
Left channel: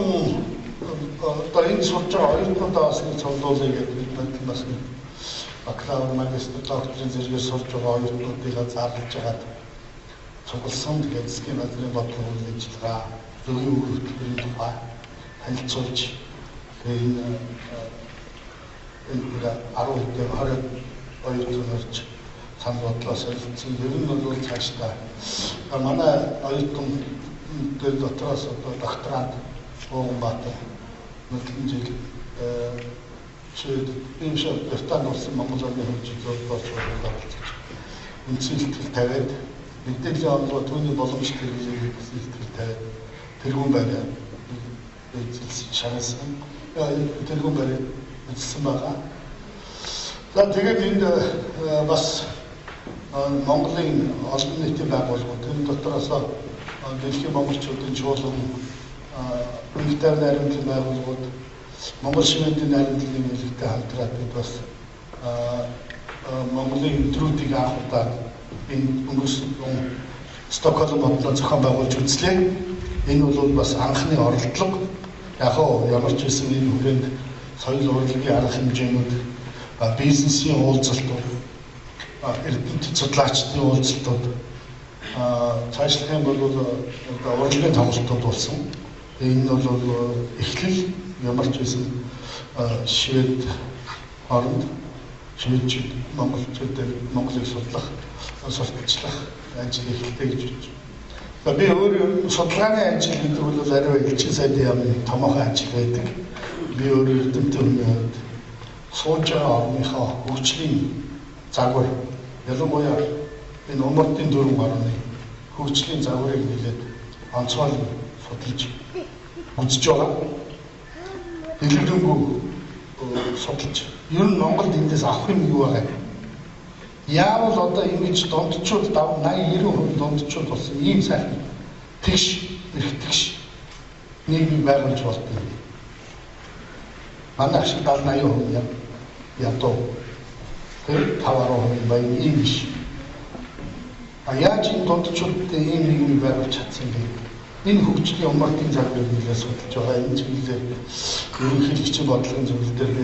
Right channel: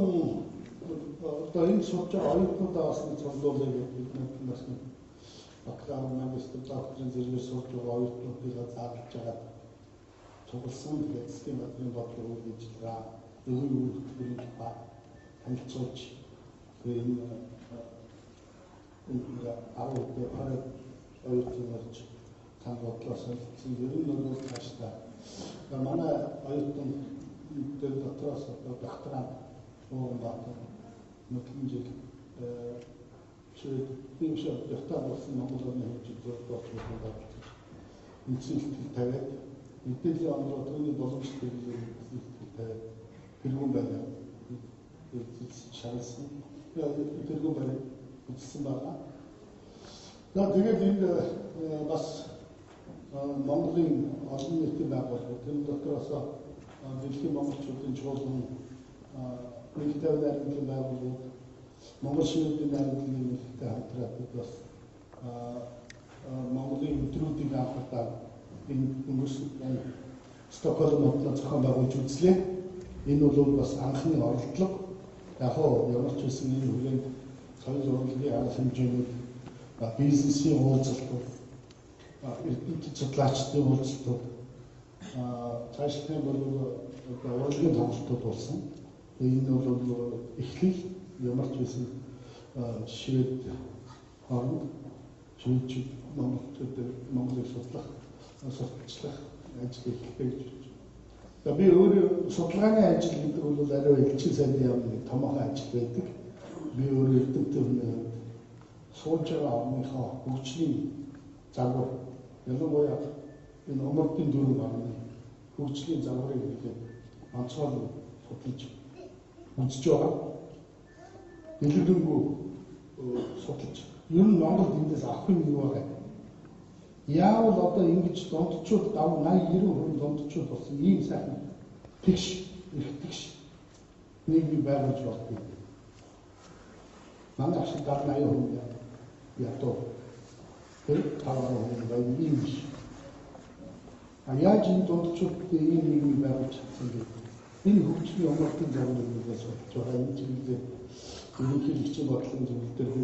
одоо энэ сурч байгаа оюутнуудаас нэг цуглуулъя гэдэг бид бас бакалавр, магистр, докторийн зэрэгээр сурч байгаа оюутнуудыг зарлаж байгаад цугласан. Тэгээд засгийн газрын бодлого үйл ажиллагаа зөвхөн хөтөлбөрийн тухай танилцуулж энэ 10 хэдэн 20 оюутнууд санал бодлоо солилцсон. Ер нь бол цаашдаа манай оюутан дээр дотроос одоо докторант Ууганбаатар мэдлэн жил шийд бившээ Британд улсын Монгол улсын хөгжлөөр боловсруулж үндсэн сэтгэл тавиад мэдээллийн онолгоо түүний боломжтой хэрэглээг сэтгэл тавиад тэргүүн байраа эзэлсэн шагнасан. Тэргүүн байраа эзэлсэн байгаа. Тэгээд энд бас Монголын олон нийтийн байгууллагууд энэ дотроос дэлхийн монголчуудын чуулган Үнэхээр найрамдлын байгууллагууд Монгол шивэдийн найрамдлын хэлэлтэй хамтраад бид бас Монголын өдрүүдийг анх удаа энэ өнгөрсөн Стокгольм хотод зохион байгуулж үзлээ. Энэ бол бас анхны оролдлого. Яг ямар ч байсан энэ хүрээнд соёл урлагийн арга хэмжээнүүд, бизнесийн уулзалтууд, эрдэмтэд судлаачдын уулзалтууд, цаашлах юм бол урлагийн тоглолтууд болсон. Энэ бол эхлэл ямар ч байсан швед оронд шведчүүд монголчуудыг Монголыг судлах, сурталчлах ажил эхэлдэг гэж байна. Би өөрөө судалгааны ажил гэдэг бол арай элчин сайдын яамны томоохон ажил байдаг. Би өөрөө эрдэмтэн хүмүүст сууж байгаа орныхоо хөгжлийн загвар, ялангуяа энэ умардын дөрвөн орны хөгжлийн загварыг нэлээд онцгойлон судалж үзэж байгаа. Дэлгэрэнгүй судалж. Ер нь Монголд эндээс авах юм юу байгаа? Яавал одоо ингэж дундчууд 80-90% дундчууд болсон ийм сайхан тэгш эрхтгш нийгмийг байгуулж болдог. Манай ашиг 70-80% ядуу. Тэр 5-10% баян ийм биш. Яаж энэ дундчуудтай ийм нийгмийг байгуулж чадсан бэ? Энэ хөгжлийн умартын загварыг нэлээд судалж байгаа. Энэ чиглэлээр ерөнхийлөгчийн бодлогын зөвлөл дээр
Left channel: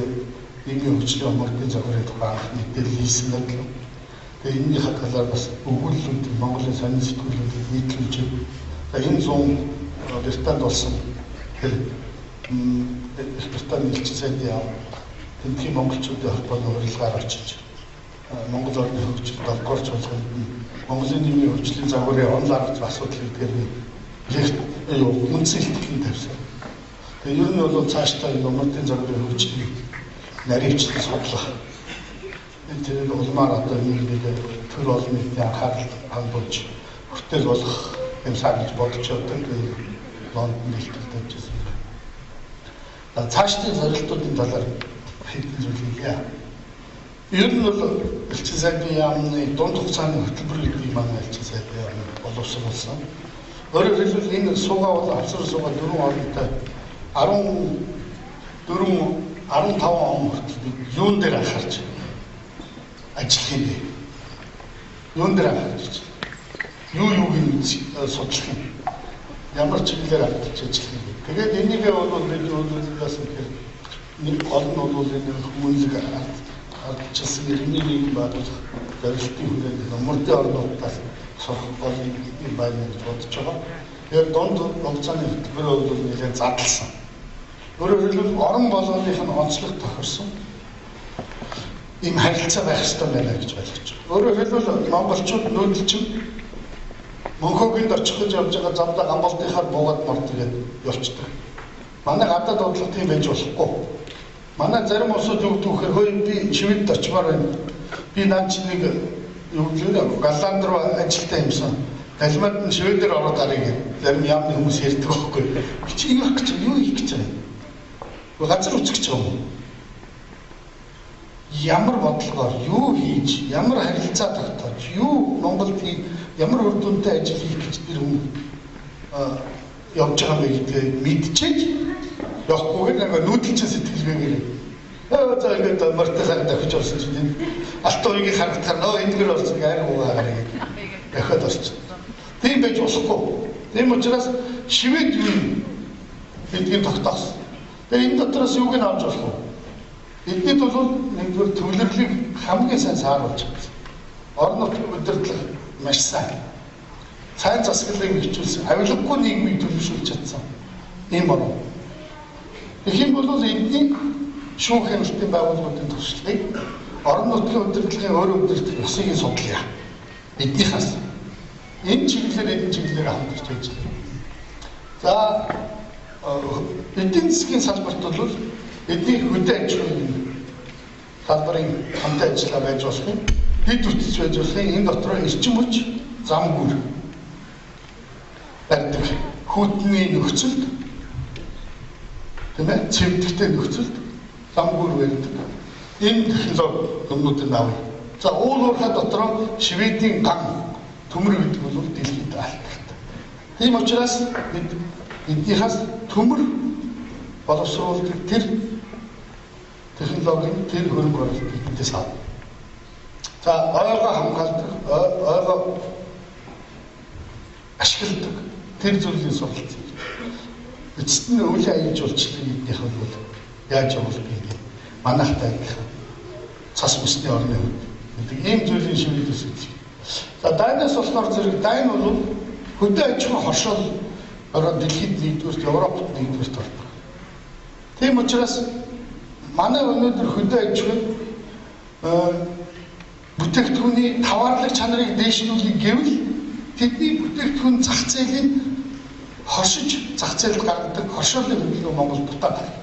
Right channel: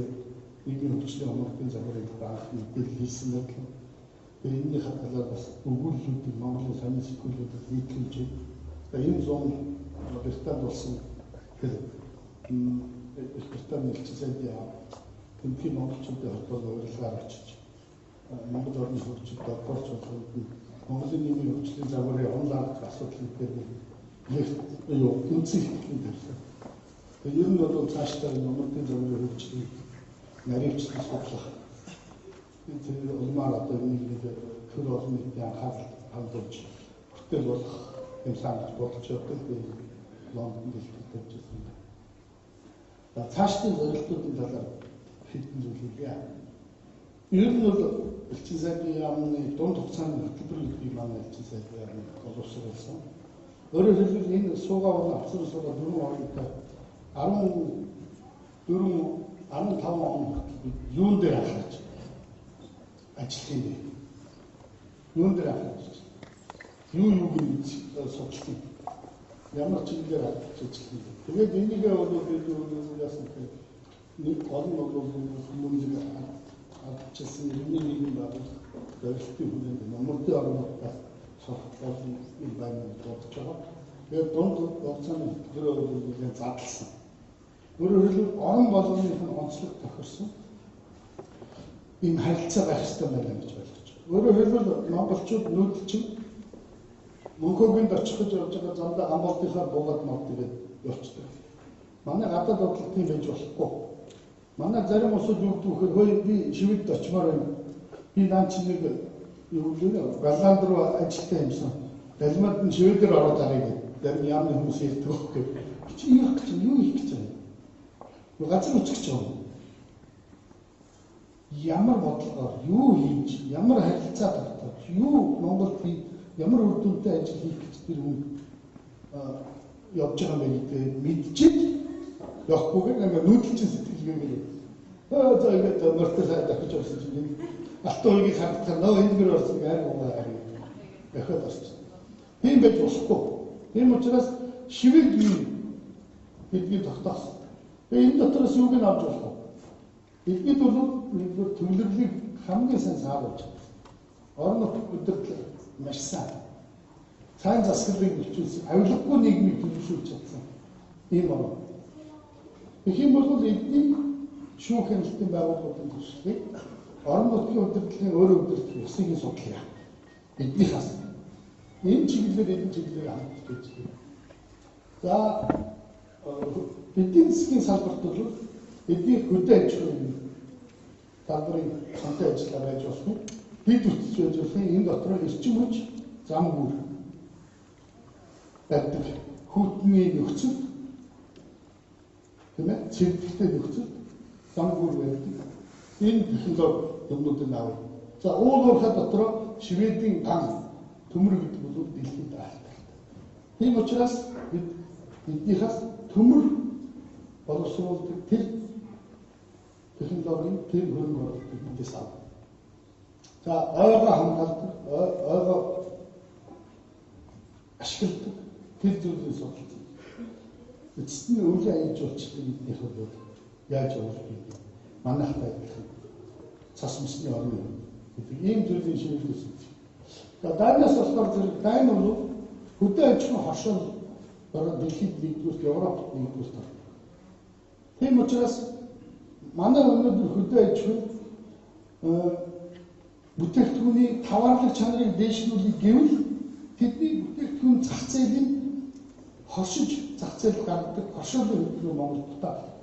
нийгмийн хөгжлийн умартын загварын тухай анх мэдээлэл хийсэн байна. Тэгээд энэний талаар бас өгүүлбэрүүд Монголын сонин сэтгүүлүүд нийтлүүлж байна. Энэ 100 Британд болсон тэр Британд элчин сайдын яам тэмдгийн монголчуудын холбооны урилгаар очиж Монгол орны хөгжилд 7-р чуулганд Монголын нийгмийн хөгжлийн загварын онол арга асуудлыг тэр үндсэн илтгэлийн тавьсан. Тэгээд ер нь бол цаашдаа энэ умартын загварын хөгжлийг нарийвчлан судлах. Тэр улмаар одоо нийгмийг төр олон нийтийн анхаарал хандуулж хүртэл болох юмсаа гэж бодож байгаа. Лондон дэлгэцтэй тавьжсэн. Цаашдын зорилтуудын талаар хэдэн зүйл хэлье. Ер нь бол элчин сайдын яамны дунд хугацааны хөтөлбөр гэдэг манай элчин сайдын яам боловсруулсан. Өөрөөр хэлбэл энэ суугаа бол авсар суугаа 4 оронтой 15 он хүртэл юун дээр анхаарч ажиллах юм бэ? Юун дээр анхаарч? Юуг нь судлах юм? Ямар чиглэлээр авч ажиллах юм бэ? Тэгээд энийг бол бид өөрөөс нэг гол нь бол энэ хүмүүлэг ардчилсан иргэний нийгэм байгуулах зорилтын хүрээнд нөмөрдийн орнуудаас сурах гол юм байна гэж бодож байгаа. Тэгээд дунд хугацааны хөтөлбөрөө бол нэлээд задлсан. Өөрөөр хэлбэл орон болгоных нь онцлог тохирсон ийм харилцаа байх ёстой байна гэж ойлгож байна. Өөрөөр хэлбэл монголчууд нүүдэлчин Мөнхөгийн очих гэж явж байгаа замдаа гамболдынхаар буугаад мордгээд явцдаг. Манай гадаад бодлого тийм байж болохгүй. Манай зарим улсууд юу гэдэг вэ? Хөөе би Шведд очимоор байна. Би наад чи нэг юу гэдэг Голланд руу ажилтаа юмсан. Галимад нь Шведээр ороод гарыг зарим яамны хүмүүс ярьдаг байхгүй. Би чи юу гэж юу хийх гэж байна? Газар үзэж байгаа юм. Ямар бодлогоор юу хийж, ямар харилцаа тогтоож, юу Монголд ямар үр дүнтэй ажил хийх гэж тэр хүн явж байгаа юм гэдгийг мэдчихэж явахгүйгээр нэг нүүдэлчин сэтгэлгээгээр за ингээд мартасаа давчих болсон чинь алтан үеийг харахтаа нөө эндгэр болсон гайр уугаа гарыг дахиад орчих. Тийм байж болохгүй. Тийм учраас Швед юу гэдгийг тогтоосон. Тэгээ энэ дотроос юуг нь авч болох вэ? Эднийд бол нэгдүгээр төвлөрлийг хамгийн сайн сааруулж байгаа. Орон нутгийн удирдлага маш сайн. Сайн засаглалыг хөгжүүлсэн, авилгагүй нийгмийг төлөвшүүлж чадсан. Ийм орн. Тэгэх юм бол эдний шүүх хяналтын байгууллагуудын туршлагыг орон нутгийн удирдлагын өөрийн удирдах ёсыг судлаа. Эднийхээс энэ чиглэлээр хамтарч ажиллана. За эдийн засгийн салбарт бол эдний хөдөө аж ахуйн салбарын хамтын ажиллагаа байж болох юм. Хэд үтс байж болох юм. Энэ дотор эрчим хүч, зам гүр барьдаг хүүтний нөхцөлд тийм ээ цэвдэхтэй нөхцөлд зам гүр барьдаг. Энэ технологи юмнуудыг авъя. За уулуурхай дотор Шведийн ган төмөр гэдэг бол дэлхийд алдагтай. Тийм учраас бид эднийхээс төмөр боловсруулдаг тэр технологийн тэр хөрөнгө оруулалт биднээс авна. За ойгоо хамгаалдаг, ойгоо ашигладаг тэр зүйлийн суралц. Эцэст нь өвлийн аян жуулчлалын эднийх бол яаж явах вэ? Манайхтай адилхан цас бүсний орны гэдэг ийм зүйлийн шивэд үсэж. За дайнаас болохоор зэрэг дайн бол хөдөө аж ахуйн хоршол ороод дэлхийд нэгдүгürt Европт нэгдүгürt ордог. Тийм учраас манай өнөөдөр хөдөө аж ахуйн бүтээгдэхүүний таваарлаг чанарыг дээшлүүлэх гэвэл тэдний бүтээгдэхүүн зах зээлийн хоршиж зах зээлд гаргадаг хоршоолын хөдөлгөөн Монгол дутаад байна.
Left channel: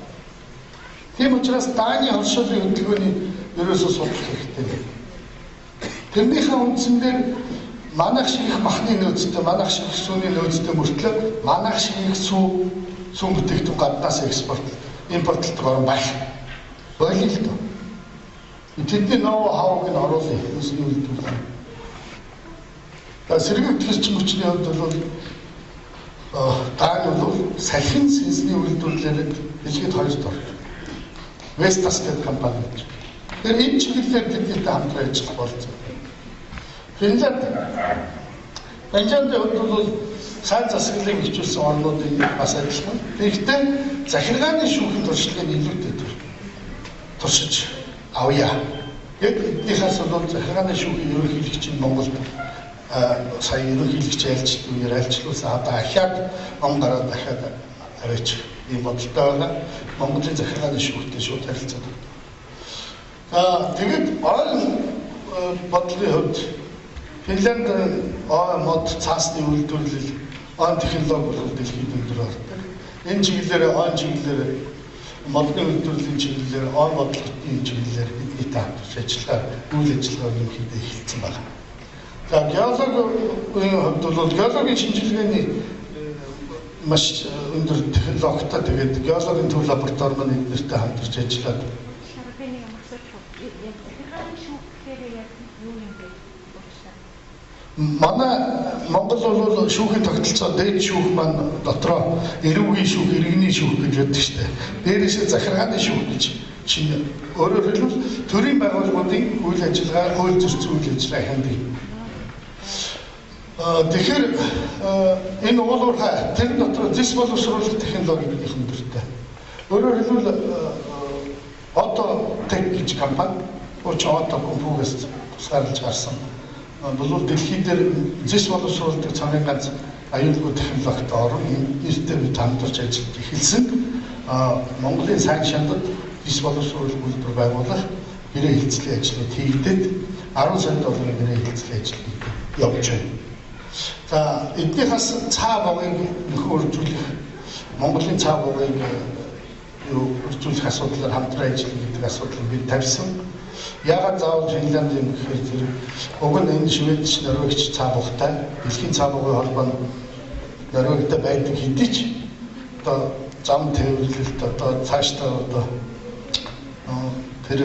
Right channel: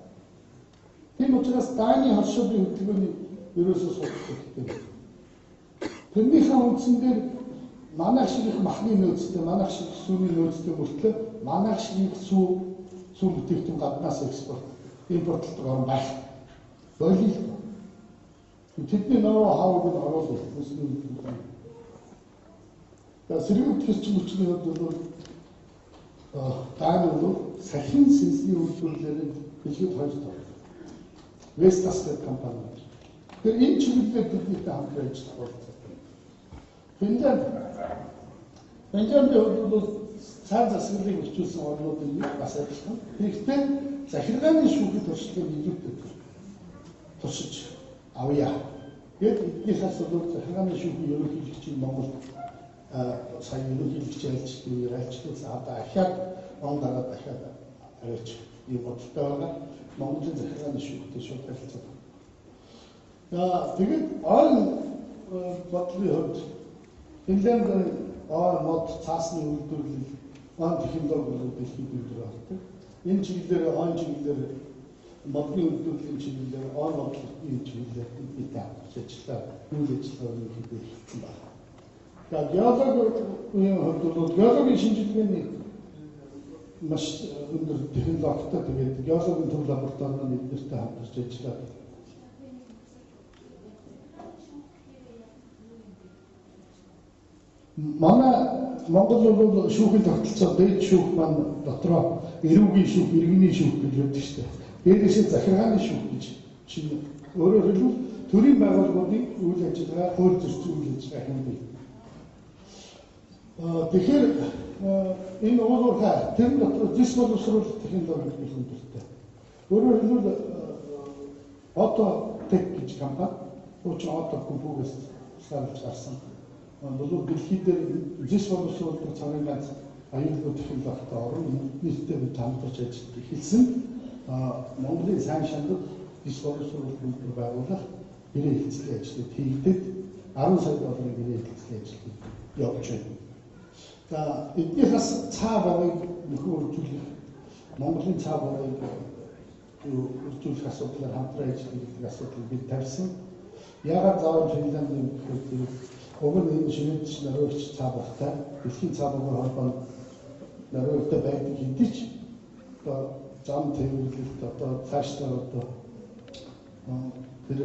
Тийм учраас Даны хоршоолын хөдөлгөөний ерөөсөө судлах хэрэгтэй. Тэрнийхээ үндсэн дээр манайх шиг их махны нөөцтэй, манайх шиг их сүүний нөөцтэй мөртлөө манайх шиг их сүүн бүтээгдэхүүн гаднаас импортлдог орн байх. Бойлоо л доо. Тэдний нөө хавыг нь оруулах хүмүүсийн үйлдвэрлэл. Сэргийгдэх эрчим хүчний хувьд бол Дани бол салхин сэнсний үйлдвэрлэлээр дэлхийд хоёрт ордог. Vestas гэдэг компани гэж. Тэр энэ чиглэлээр тэднийтэй хамтран ажиллах болсон. Финляндийн хувьд бол сайн засаглалыг хөгжүүлсэн орнуудын бас адилхан. Тэгэхдээ захиргааны шүүхийн туршлагыг илүүтэй туршиж авъя. Гэт эднийхээс бол захиргааны шүүхийн ерөнхийлөгчийн Монголд сая ерөнхийлөгч айлчлт үеэр айлчлуулсан одоо ахаад он гараад дахиад аваач ийм бодолтой байна. Монголын захиргааны шүүхтэй шууд харилцаад. За тэгэд орон бодлогын хувьд Финланд мод цаасны үйлдвэрлэл, он технологи бол дэлхийд өндөр ордог. Энэ чиглэлээр модны үйлдвэрлэлийн чиглэлээр, он бодлогын чиглэлээр бидний хамтарч ажиллагаа, үйл ажиллагаа ерөнхийдөө эхэлсэн байна. За геологийн хувьд бол геологийн шинжилгээний маш өндөр технологитой тэгээд геологийн төв лаборатори маань эднэртэй хамтарч ажиллаад Манай Монгол бол шүүхийн тогтолцоо дээд шүүх маань дотроо эрүүгийн шүүх, иргэний шүүх гэж яддаг шүү дээ. Дээрээсээ захиргааны шүүх гэж чинь өөрөөр хэлбэл төрийн байгууллагуудын үйл ажиллагаа, хууль зөрчил үйл ажиллагаа хяндаг. Тэгэхээр энэ уулуурхай тэр дотор зис боловсруулах технологи их өндөртэй. Өөрөөр хэлбэл Auto Tech гэж компани Auto компьютерс тусгаарлаж гарсан. Бол дэлхийд дээр зис боловсруулдаг цагийн ганц аюулгүй технологитой орн нэртэй бид хамтарч ажиллаж эхэлсэн. Монголын сайн шандад зис боловсруулах үйлдвэр байгуулах гэрээ хэлцлийн ажлууд хийгдээд 10 сая долларын гэрээ хэлцлийн ажил явж байна. За эднийхээс цаа богыг нөхөөржүүлэх Монголын цаа богыг үржүүлэх асуудлаар хамтран ажиллах гэдэг асуудлыг бид тавьсан. Яагаад заавал Финланд юм гэхээр зэрэг уг нь энэ Шведч, Норвегич цаа богтай дэлхийн цаа богын холбоо нь Норвегтэй байдаг хэдий ч одоо зам тээвэрлэлт одоо цаашдаа одоо тэр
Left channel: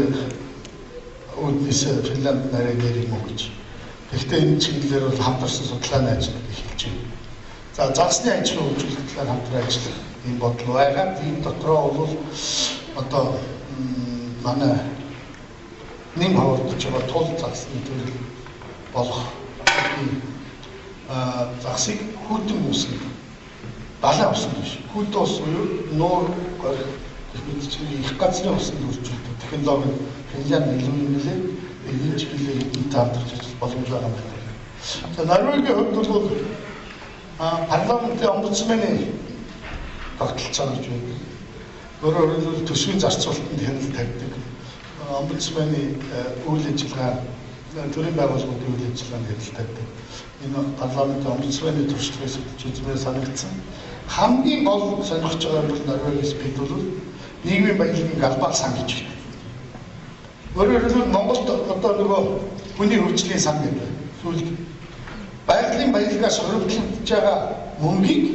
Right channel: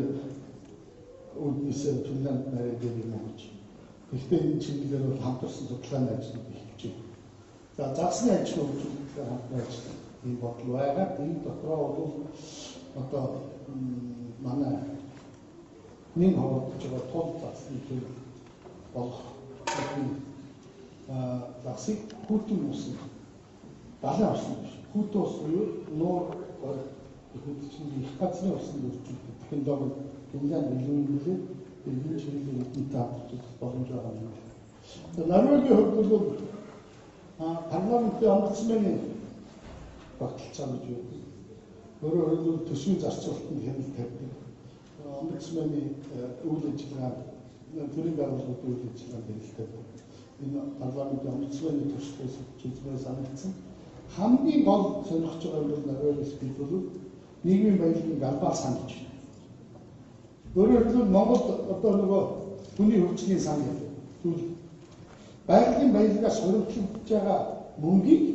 үүднээс Финланд нарийн нэр юм уу гэж. Гэхдээ энэ чиглэлээр бол хамтарсан судалгааны ажил эхэлж байна. За засны ажлын хөгжүүлэлт талаар хамтран ажиллах юм бодол байгаа. Энэ дотроо бол одоо манай нэм хавардж байгаа тул засны төрөл болох засыг хүйтэн үсгэн далайн усанд биш. Хүйтэн ус буюу нуур горих их газрын усанд үржүүлдэг технологи Финлянд илүү юм билээ. Энэ чиглэлээр энэ хамтарч ажиллах боломж байгаа юм байна. За Норвегийн хувьд бол парламентын омбудсманы тогтолцоо гэж байна. Өөрөөр хэлбэл төсвийн зарцуулалтанд хяналт тавьдаг. Омбудсманы үйл ажиллагаа, төрийн байгууллагуудын үйл ажиллагаанд хяналт тавьдаг. Энэ парламентын омбудсманы туршлагаас үзмээр санагдсан. Хамгийн гол сонирхож байгаа бол Норвегиас бид бол нийгмийн баялагын галбаар сан гэж байна. Өөрөөр хэлбэл Монголд одоо нөгөө хүний хөгжлийн сан гэдэг. Сүүлд байгалийн баялагаас хоригдлогдож байгаа мөнгийг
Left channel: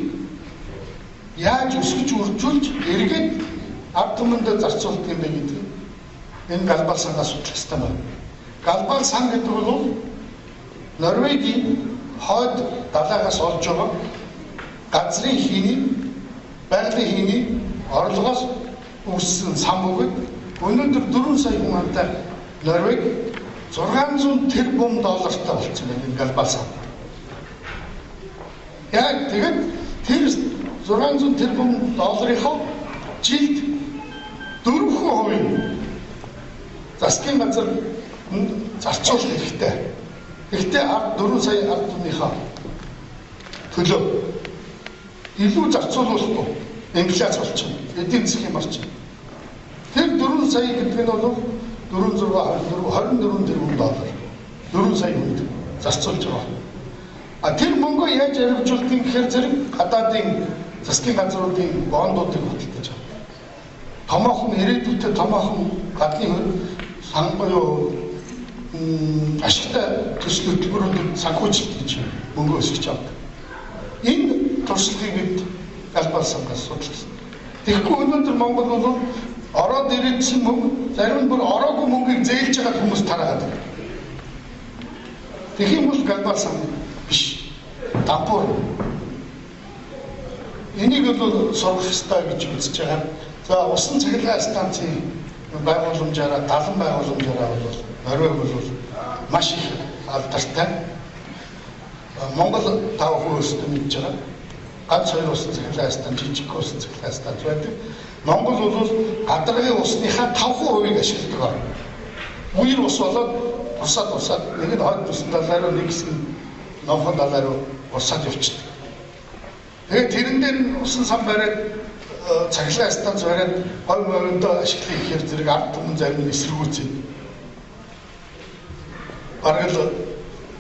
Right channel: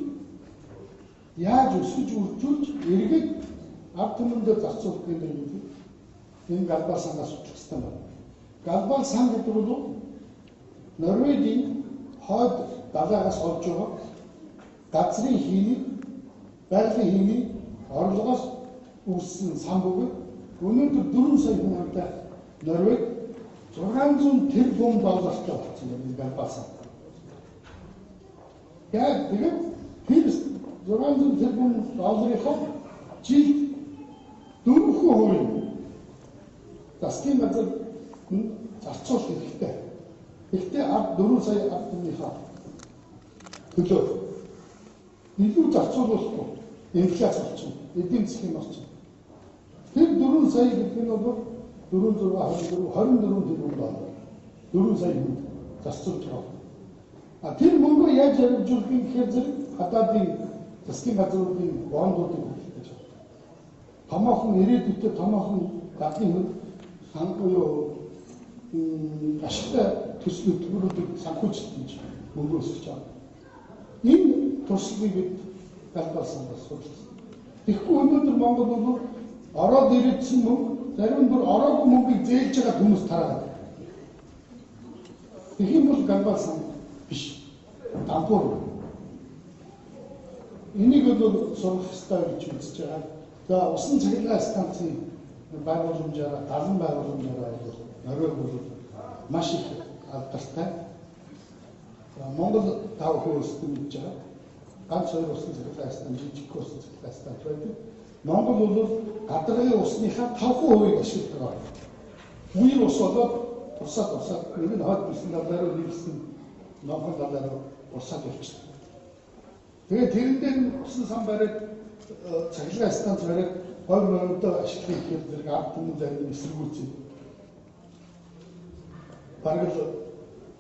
яаж өсгөж үржүүлж эргээд ард түмэнд зарцуулдаг юм бэ гэдэг энэ галбаар сангаас судлах хэрэгтэй байна. Галбаар сан гэдэг бол Норвегийн хойд далайгаас олж байгаа газрын хийний, байгалийн хийний орлогоос үүссэн сан бөгөөд өнөөдөр 4 сая хүн амтай Норвег 600 тэрбум доллартай болсон байна энэ галбаар сан. Яг тэгээд тэр 600 тэрбум долларынхоо жилд 4% засгийн газар зарцуулах хэрэгтэй. Гэхдээ 4 сая ард түмнийхээ төлөө илүү зарцуулахгүй инфляц болчихно. Эдийн засгийн орчин. Тэр 4 сая гэдэг нь бол 24 тэрбум доллар. 4 сая хүнд зарцуулж байгаа. Тэр мөнгөө яаж арилжуулдаг гэхээр зэрэг гадаадын засгийн газруудын бондуудыг худалдаж байгаа. Томоохон ирээдүйтэй томоохон гадны сан буюу ашигтай төсөл хөтөлбөрүүдэд санхүүжилт гэж мөнгө өсгөж авдаг. Энэ туршлагыг бид галбаар сангаас судалсан. Тэгэхгүй өнөөдөр Монгол бол ороод ирээдсэн мөнгө зарим нь бүр ороогүй мөнгийг зээлж байгаа хүмүүс тараад байна. Тэгэх юм бол галбаар сан биш. Дампуур. Энийг бол сурах хэрэгтэй гэж үзэж байгаа. За усан цахилгаан станцын байгууламжаараа, далан байгууламжаараа бол Норвег бол маш их алдартай. Монгол 5% өсөлтөд мэдж байгаа. Ганц 2 усан цахилгаан станц, жижиг усан цахилгаан станц байдаг. Монгол бол гадаргын усныхаа 5%-ийг ашигладаг. Үер ус болоод урсаад нэг нь хойд усан далай руу нэг хэсэг нь номхон далай руу урсаад явчихдаг. Тэгээд тэрэн дээр усан сан бариад цахилгаан станц бариад гой морьдоо ашиглах гэхээр зэрэг ард түмэн зарим нь эсэргүүцээ. Бараг л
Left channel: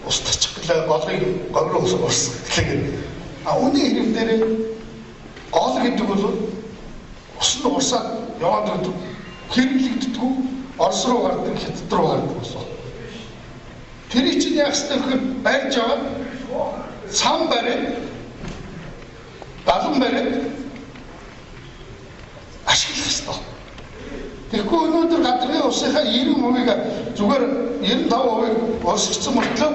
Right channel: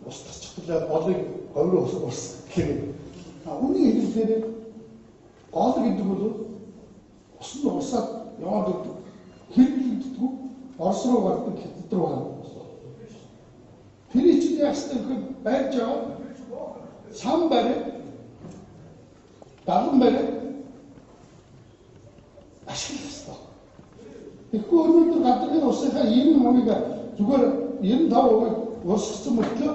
ус тарчих гэлээ голыг говьроо урсгах гэлээ. Үүний хэрэг дээр гол гэдэг бол ус нь урсаад яваад байдаг. Хэрэглэгддэггүй Орос руу гардаг, Хятад руу гардаг ус. Тэрийг чинь яах ёстой гэхээр барьж аваад сан бариад далан бариад ашиглах ёстой. Тэгэхгүй өнөөдөр гадаргын усынхаа 90%-ийг зүгээр 95%-ийг урсгацсан мөртлөө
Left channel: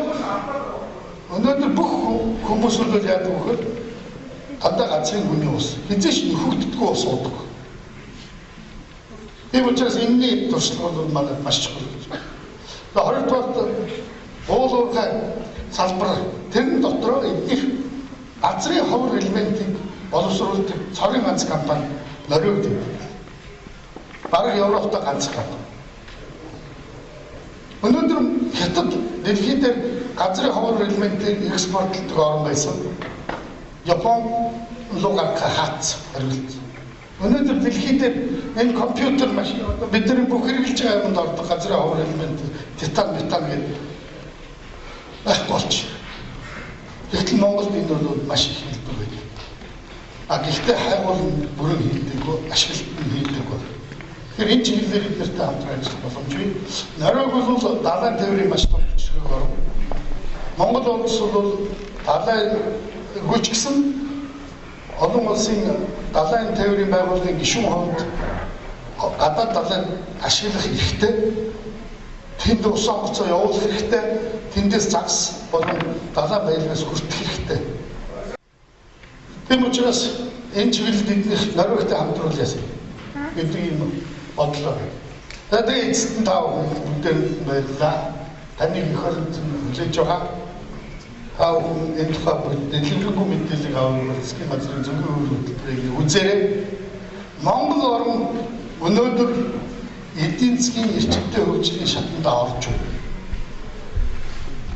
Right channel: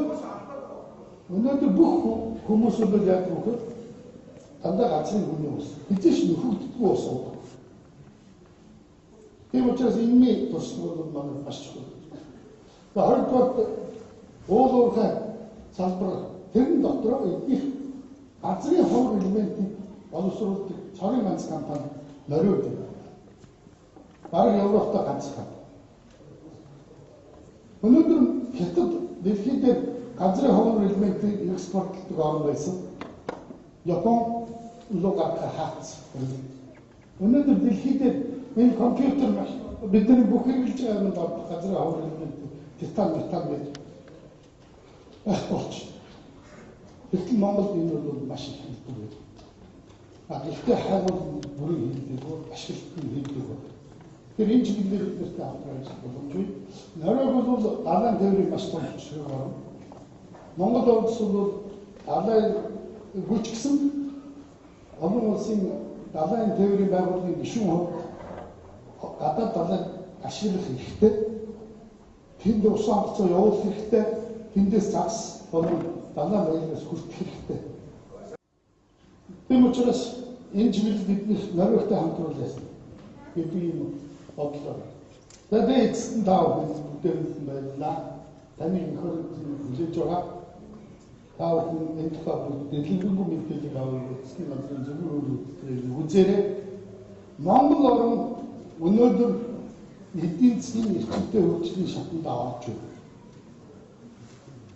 Өнөөдөр бүх хүмүүс бол яадаг вэ гэхээр дандаа газрын хүний ус. Хизээш нөхөгддөггүй ус уудаг. Тийм учраас энэний туршлага бол манайд маш чухал гэж байна. Хоёрдугаар уул уурхай салбар тэрэн дотор эднийх газрын ховор элементийг боловсруулдаг цорын ганц компани Нориуд юм. Бараг Европт ганц компани. Өнөөдөр хятад дэлхийд газрын ховор элементийг экспортлдог орн байсан. Япон руу гарах хаац хариулт. Өнөөдөр дэлхийд энэ компьютер машин бидний бүх хэрэгжилж байгаа юмд ордог газрын ховор элемент титан, метан гэдэг болж. Гэтэл Монголд энэ бол маш их хэлбэг байдаг. Гэхдээ хайгуул бүрэн хийдэггүй, ашиглалт нь хийдэггүй. Тэгэхээр энэ чиглэлээр эднэртэй хамтран ажиллах боломжгүй. Нориуг бол далайн тээврийн маш том хүчрэг орн. Монгол улс бол далайн гүйцгсэн олон улсын далайн тээврийн байгууллагын гишүүн хувьд гадаад далайн ашиглах хэрэгтэй. Тэнд ус онгоцоо явуулах хэрэгтэй. Тэндээс загас болон далайн баялагаас хүртэх хэрэгтэй. Тийм учраас энэ чиглэлд эднийх Нориугтай хамтруулъя гэдэг юм бодлоо. Тэгээд эцэст нь тав бүгдээр баярлалаа. Таныг их хөрөнд хүлээж байгаа. Тав хүн энэ тухай дэлгэрэнгүй мэдээлэл авах засгийн газрын зөвхөн хөтөлбөрийг үзээрэй. Монгол орн өнөөдөр эдийн засгийн эрчимтэй хөгжлийн шатанд орж байна.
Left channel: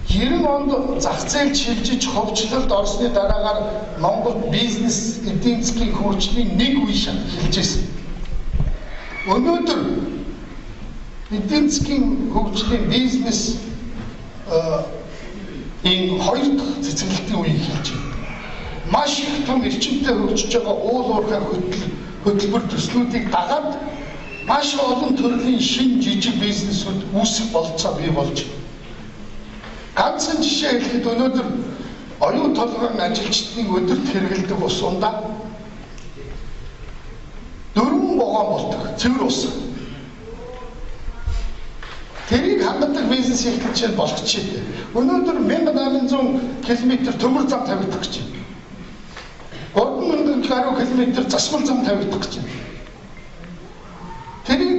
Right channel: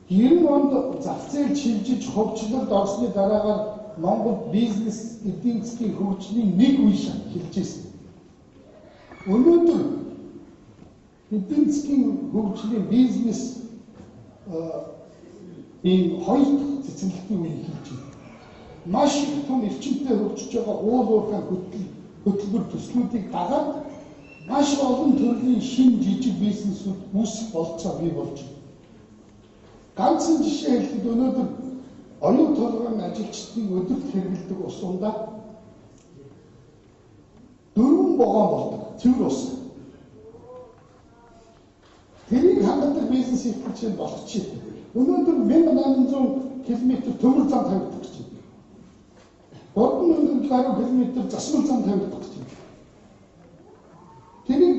90 онд зах зээл шилжиж хөгжлөлд орсны дараагаар Монгол бизнес эдийн засгийн хөгжлийн нэг үе шат эхэлж байсан. Өнөөдөр эдийн засгийн хөгжлийн бизнес энэ хоёр дахь цэцгэлтийн үе эхэлж байна. Маш их том эрчимтэй хөгжиж байгаа уул уурхай хөтөлбөр төслүүдийг дагаад маш олон төрлийн шин жижиг бизнесүүд үүсэх болцоо бий болж байна. Ганцхан жишээ хэлэхэд өнөөдөр оюун толгойн ажилчдын өдөрт хэрэгэлдэг ус ундаа 4 вагон болдог цэвэр ус. Тэрийг хангадаг бизнес эрхлэлч болох жишээ. Өнөөдөр 1800 км төмөр зам тавигдах гэж байна. 3000 гаруй км засвар зам тавигдах гэж байна. Тэрийг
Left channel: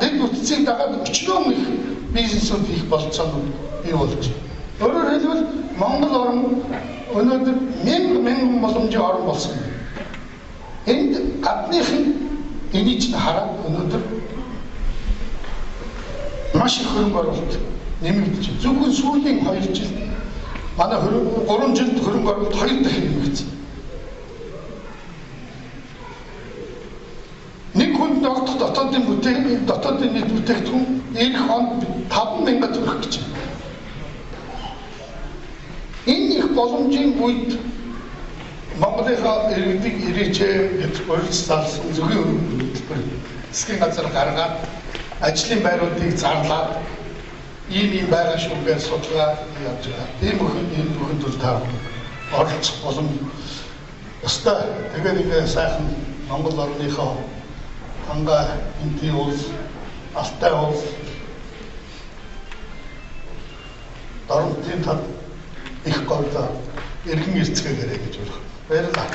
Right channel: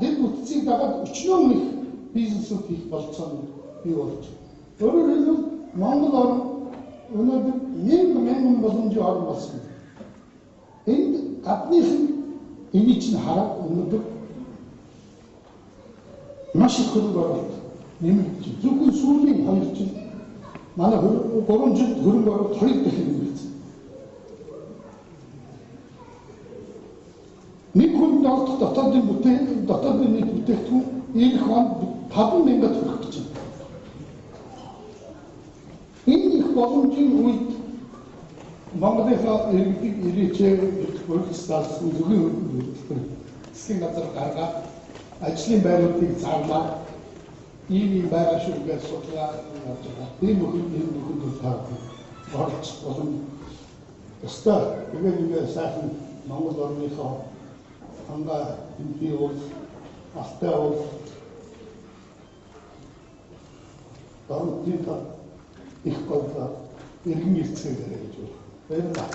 дэд бүтцийг дагаад өчнөө их бизнесүүд их болцоо бий болж байна. Өөрөөр хэлбэл Монгол орн өнөөдөр мянган боломжийн орн болсон юм. Энд гадных нь энийг ч хараад өнөөдөр маш их хөрөнгө оруулалт нэмэгдэж байна. Зөвхөн сүүлийн 2 жилд манай 3 жилд хөрөнгө оруулалт 2 дахин нэмэгдсэн. Нэг хүнд ордох дотоодын нийт бүтээгдэхүүн эх хонд 5,000 төгрөг гэж байна. Энэ их боломжийн үед Монголынхаа иргэдэг ирээчээ гэж өөрчлөлтсөн зөвхөн хөтөлбөр засгийн газар гаргаад ажлын байруудыг зарлаад ийм байгаа шүү гэж судалгаа явуулж байгаа. Тийм энэ бүхэнд бол та оролцох боломж өстой. Тэгээд ингээ сайхан Монгол орныхоо ханга энтийн улс, алтай улс, дорнотын тал их говьда иргэн эрцгээгээрэй гэж байна. Баярлалаа.